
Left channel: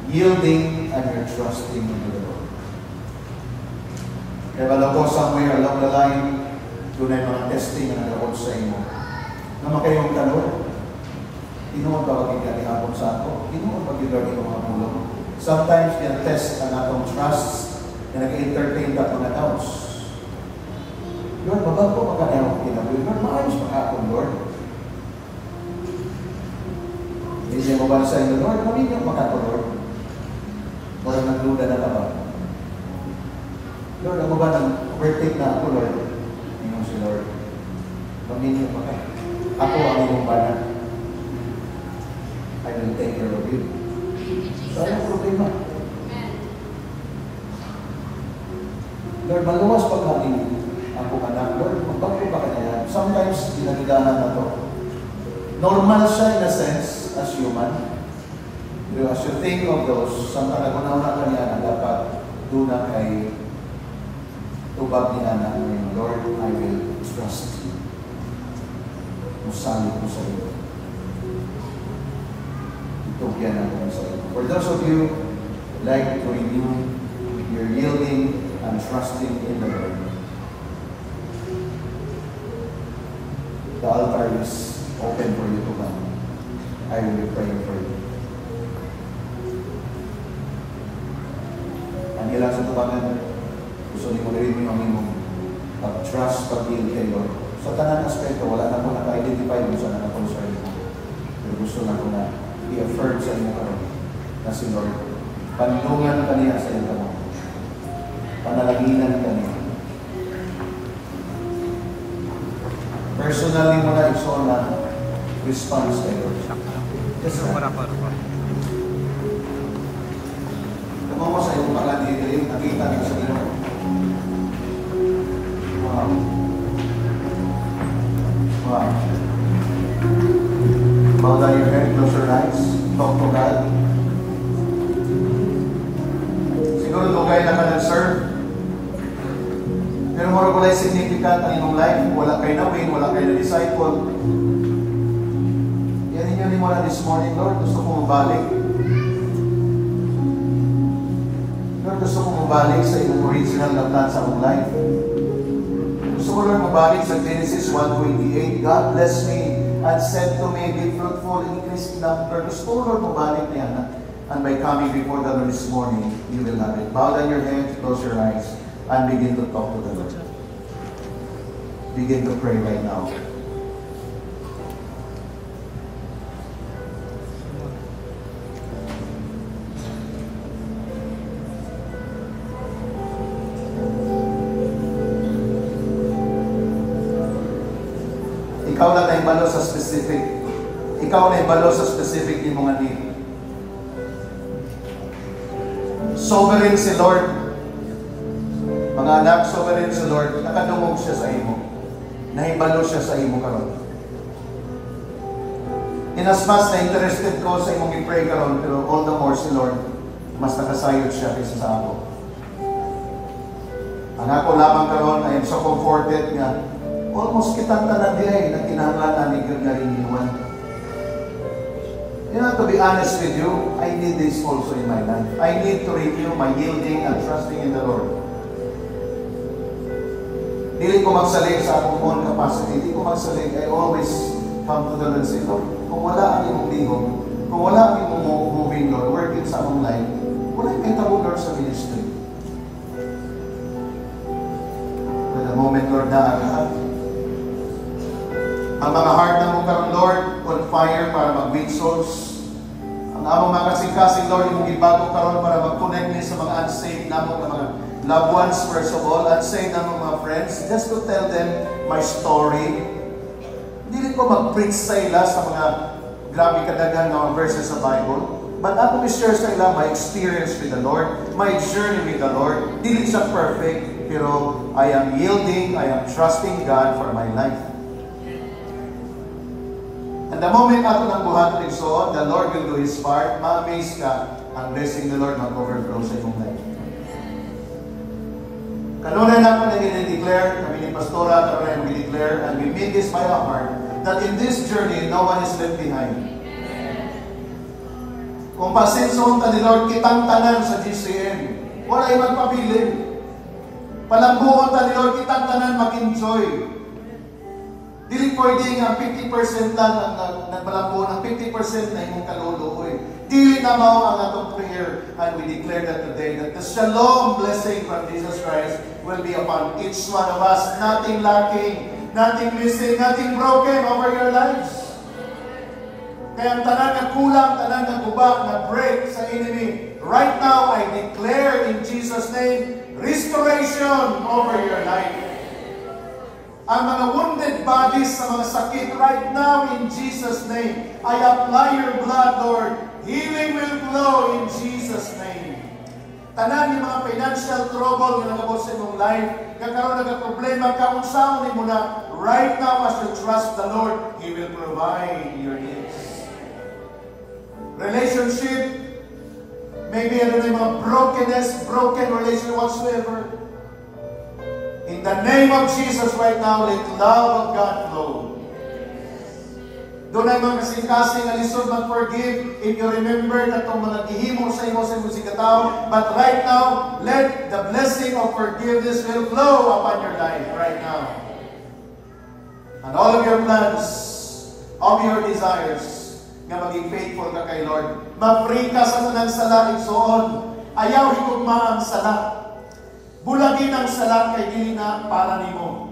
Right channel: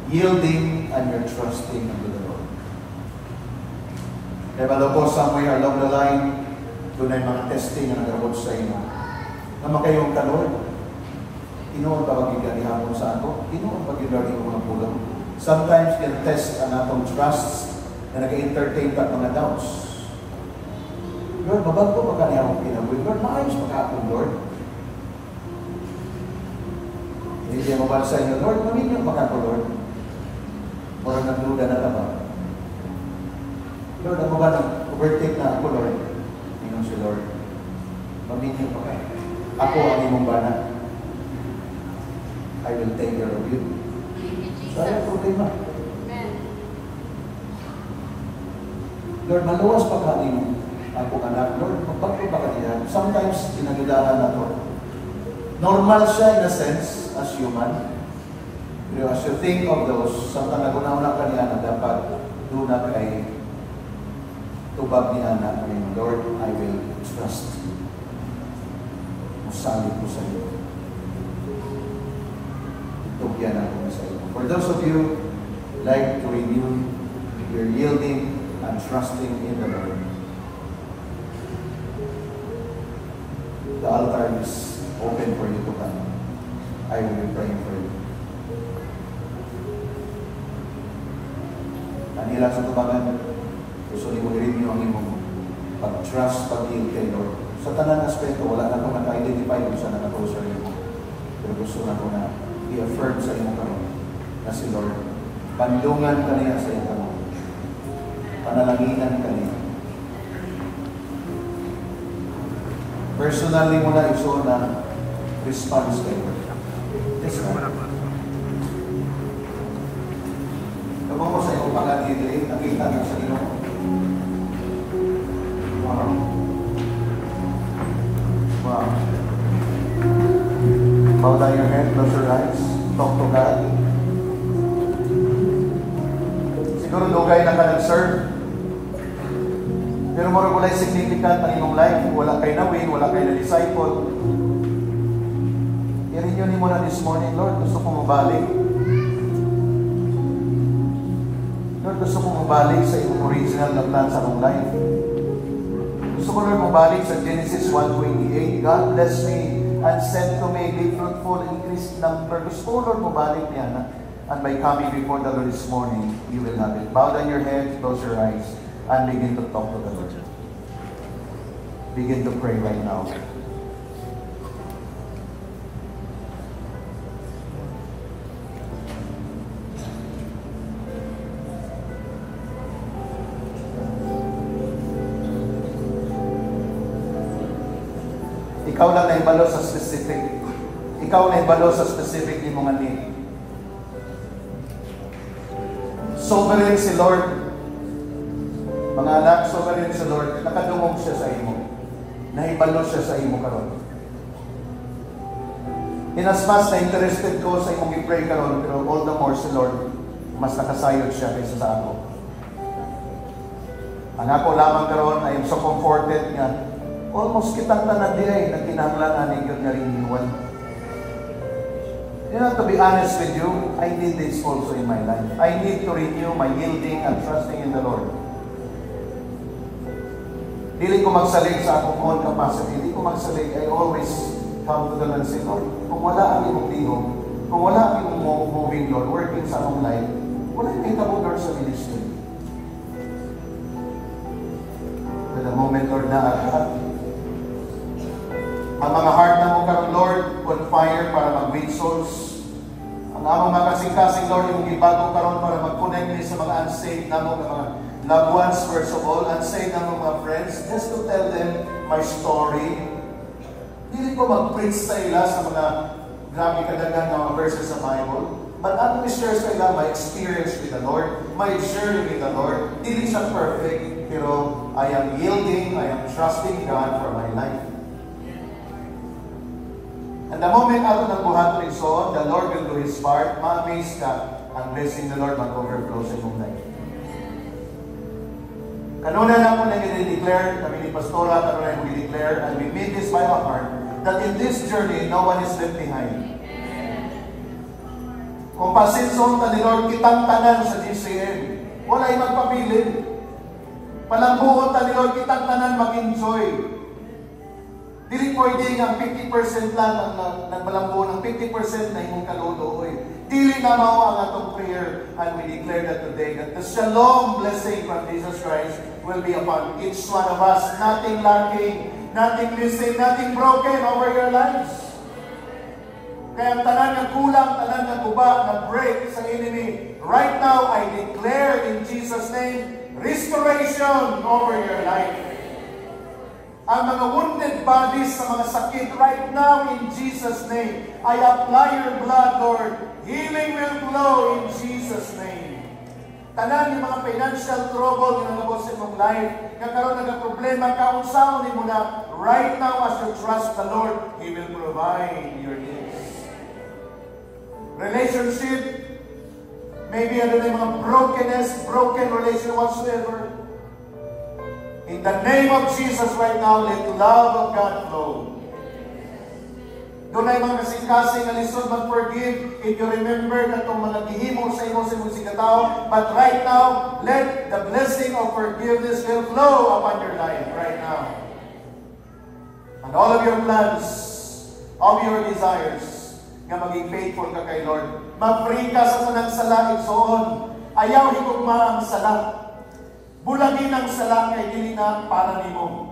yielding and your trusting unto the Lord. Kaya maloko somewhere along the line, doon ay mga testing na nag-abot sa inyo. Na makayong tanong, inuon pa pag-igari hapon sa ako, inuon pag-igari ko mga pulong. Sometimes can test ang atong trust na nag-entertain ka mga doubts. Lord, mabago pa ka niya akong pinagawin. Lord, maayos pa ka akong Lord. Hindi siya mabala sa inyo, Lord, maminyo pa ka ako, Lord. Mura nagduda na naman. Lord, ako ba nang overtake na ako, Lord? Tingnan si Lord. Maminyo pa ka. Ako ang iyong bana. I will take care of you. So, ayaw problema. Lord, maluwas pa ka rin ako anak. Lord, magbago ba ka niya? Sometimes, ginagadahan na to. Normal siya in a sense, as human. Pero as you think of those, samtang nagunaw ka niya na dapat doon na kay tubag niya na ngayon, Lord, I will trust you. Musalit ko sa iyo. Tugyan ako sa iyo. For those of you like to renew your yielding and trusting in the Lord, the altar is open for you to come. I will be praying for you. Ang ilang sa tubangan, gusto niyo i-read niyo ang imong pag-trust, pag-yield kay Lord. Sa tanang aspekto, wala na ko naka-identify kung saan naka-closer niyo. Pero gusto na ko na i-affirm sa inyo karon na si Lord. Pandungan ka niya sa inyo karon. Panalanginan ka niya. Personally mo na iso na response kay Lord. Yes, Lord. Kapag mo sa iyong pangalit, nakita na sa inyo. Wow. Wow. Bow down your head, close your eyes, talk to God. Siguro lugay na ka nag-serve. Pero mura wala'y significant ang inyong life. Wala kayo na-win, wala kayo na-disciple. Yan yun mo na this morning, Lord, gusto kong mabalik. Lord, gusto kong mabalik sa iyong original na plan sa akong life. Gusto ko, Lord, mabalik sa Genesis 1:28. God bless me and said to me, be fruitful, increase in number. Gusto ko, Lord, mabalik niya na. And by coming before the Lord this morning, you will have it. Bow down your head, close your eyes, and begin to talk to the Lord. Begin to pray right now. Ikaw lang na ibalo sa specific. Ikaw na ibalo sa specific ni mga need. Sovereign si Lord. Mga anak, sovereign si Lord. Nakadungog siya sa imo. Nahibalo siya sa imo karon. Inasmas na interested ko sa imong i-pray karon, pero all the more si Lord, mas nakasayod siya kaysa sa ako. Ang ako lamang karon, I am so comforted nga almost kitang tanan di ay nagkinahanglan ni Gyud nga renewal. You know, to be honest with you, I need this also in my life. I need to renew my yielding and trusting in the Lord. Dili ko magsalig sa akong own capacity. Dili ko magsalig. I always come to the Lord and say, Lord, kung wala ang imong dihong, kung wala ang imong moving, Lord, working sa akong life, wala kay tabo, Lord, sa ministry. With the moment, Lord, na ang mga heart na mo karon, Lord, on fire para mag-win souls. Ang among mga kasing-kasing, Lord, imong ibago karon para mag-connect ni sa mga unsaved namong mga loved ones, first of all, unsaved namong mga friends, just to tell them my story. Dili ko mag-preach sa ila sa mga grabe kadaghan nga mga verses sa Bible. But ako i-share sa ila my experience with the Lord, my journey with the Lord. Dili siya perfect, pero I am yielding, I am trusting God for my life. And the moment ato nang buhaton igsoon, the Lord will do His part. Ma-amaze ka, ang blessing the Lord mag-overflow sa imong life. Kanuna na po nag-declare, kami ni Pastora, kanuna yung mag-declare, and we mean this by our heart, that in this journey, no one is left behind. Kung pasinson ta ni Lord, kitang tanan sa GCN, wala yung magpabilin. Palambuhon ta ni Lord, kitang tanan mag-enjoy. Dili pwede nga 50% lang ang nagmalambuhon, ang 50% na imong kaluluoy. Dili na mao ang atong prayer, and we declare that today, that the shalom blessing from Jesus Christ will be upon each one of us. Nothing lacking, nothing missing, nothing broken over your lives. Kaya ang tanan na kulang, tanan na guba, na break sa enemy. Right now, I declare in Jesus' name, restoration over your life. Ang mga wounded bodies sa mga sakit, right now in Jesus' name, I apply your blood, Lord. Healing will flow in Jesus' name. Tanan yung mga financial trouble na nagabot sa imong life, kakaroon nagka-problema, kaunsaon mo na, right now as you trust the Lord, He will provide your needs. Relationship, maybe ano na yung mga brokenness, broken relation whatsoever. In the name of Jesus right now, let the love of God flow. Doon ay mga kasing-kasing na lisod mag-forgive if you remember na itong mga gihimo sa imo sa musikataw. But right now, let the blessing of forgiveness will flow upon your life right now. And all of your plans, all of your desires, nga maging faithful ka kay Lord. Ma-free ka sa tanang sala, igsoon. Ayaw higugma ang sala. Bulagin ang sala kay dili na para nimo.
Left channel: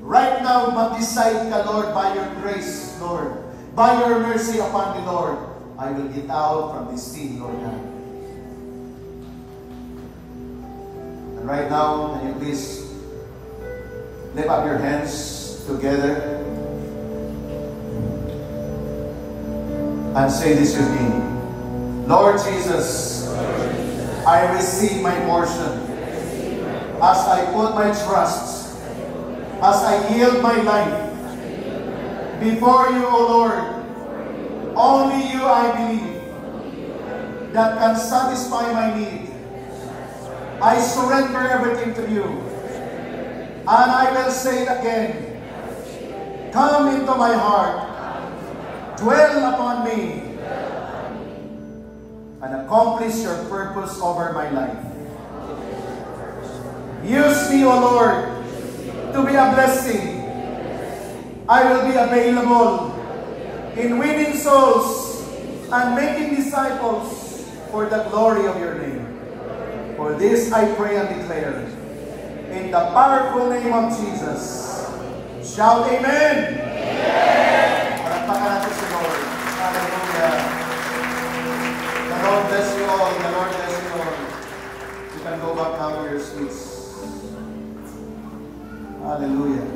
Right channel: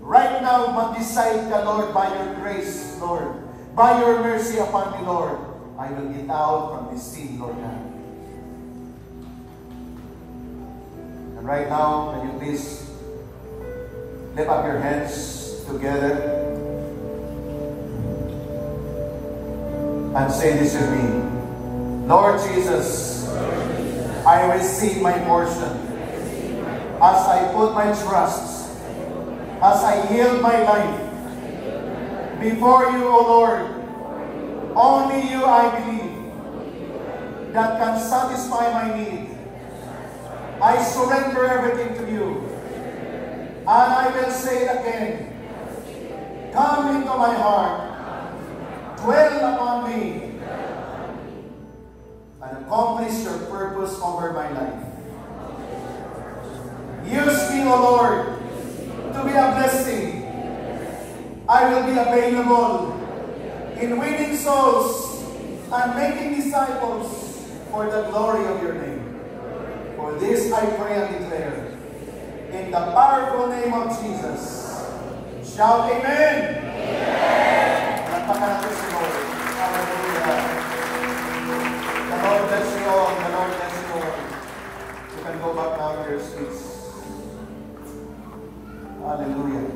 Right now, mag-decide ka, Lord, by your grace, Lord. By your mercy upon me, Lord. I will get out from this sin, Lord God. And right now, can you please lift up your hands together and say this with me. Lord Jesus, I receive my portion as I put my trust, as I yield my life before you, O Lord. Only you I believe that can satisfy my need. I surrender everything to you. And I will say it again. Come into my heart. Dwell upon me and accomplish your purpose over my life. Use me, O Lord, to be a blessing. I will be available in winning souls and making disciples for the glory of your name. For this I pray and declare, in the powerful name of Jesus. Shout amen. Palakpakan natin si Lord. Hallelujah. The Lord bless you all. The Lord bless you all. You can go back now to your seats. Hallelujah.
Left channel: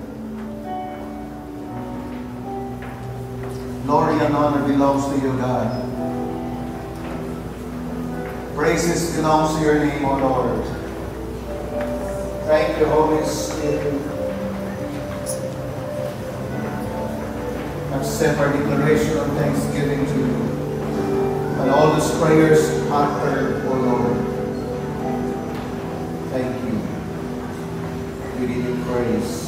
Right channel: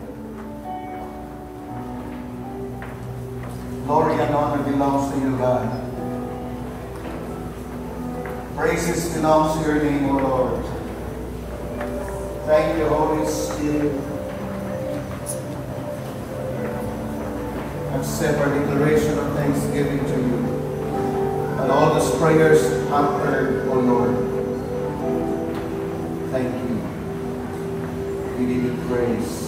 Glory and honor belongs to you, God. Praises belongs to your name, O Lord. Thank you, Holy Spirit. Accept our declaration of thanksgiving to you. And all these prayers uttered, O Lord. Thank you. We give you praise.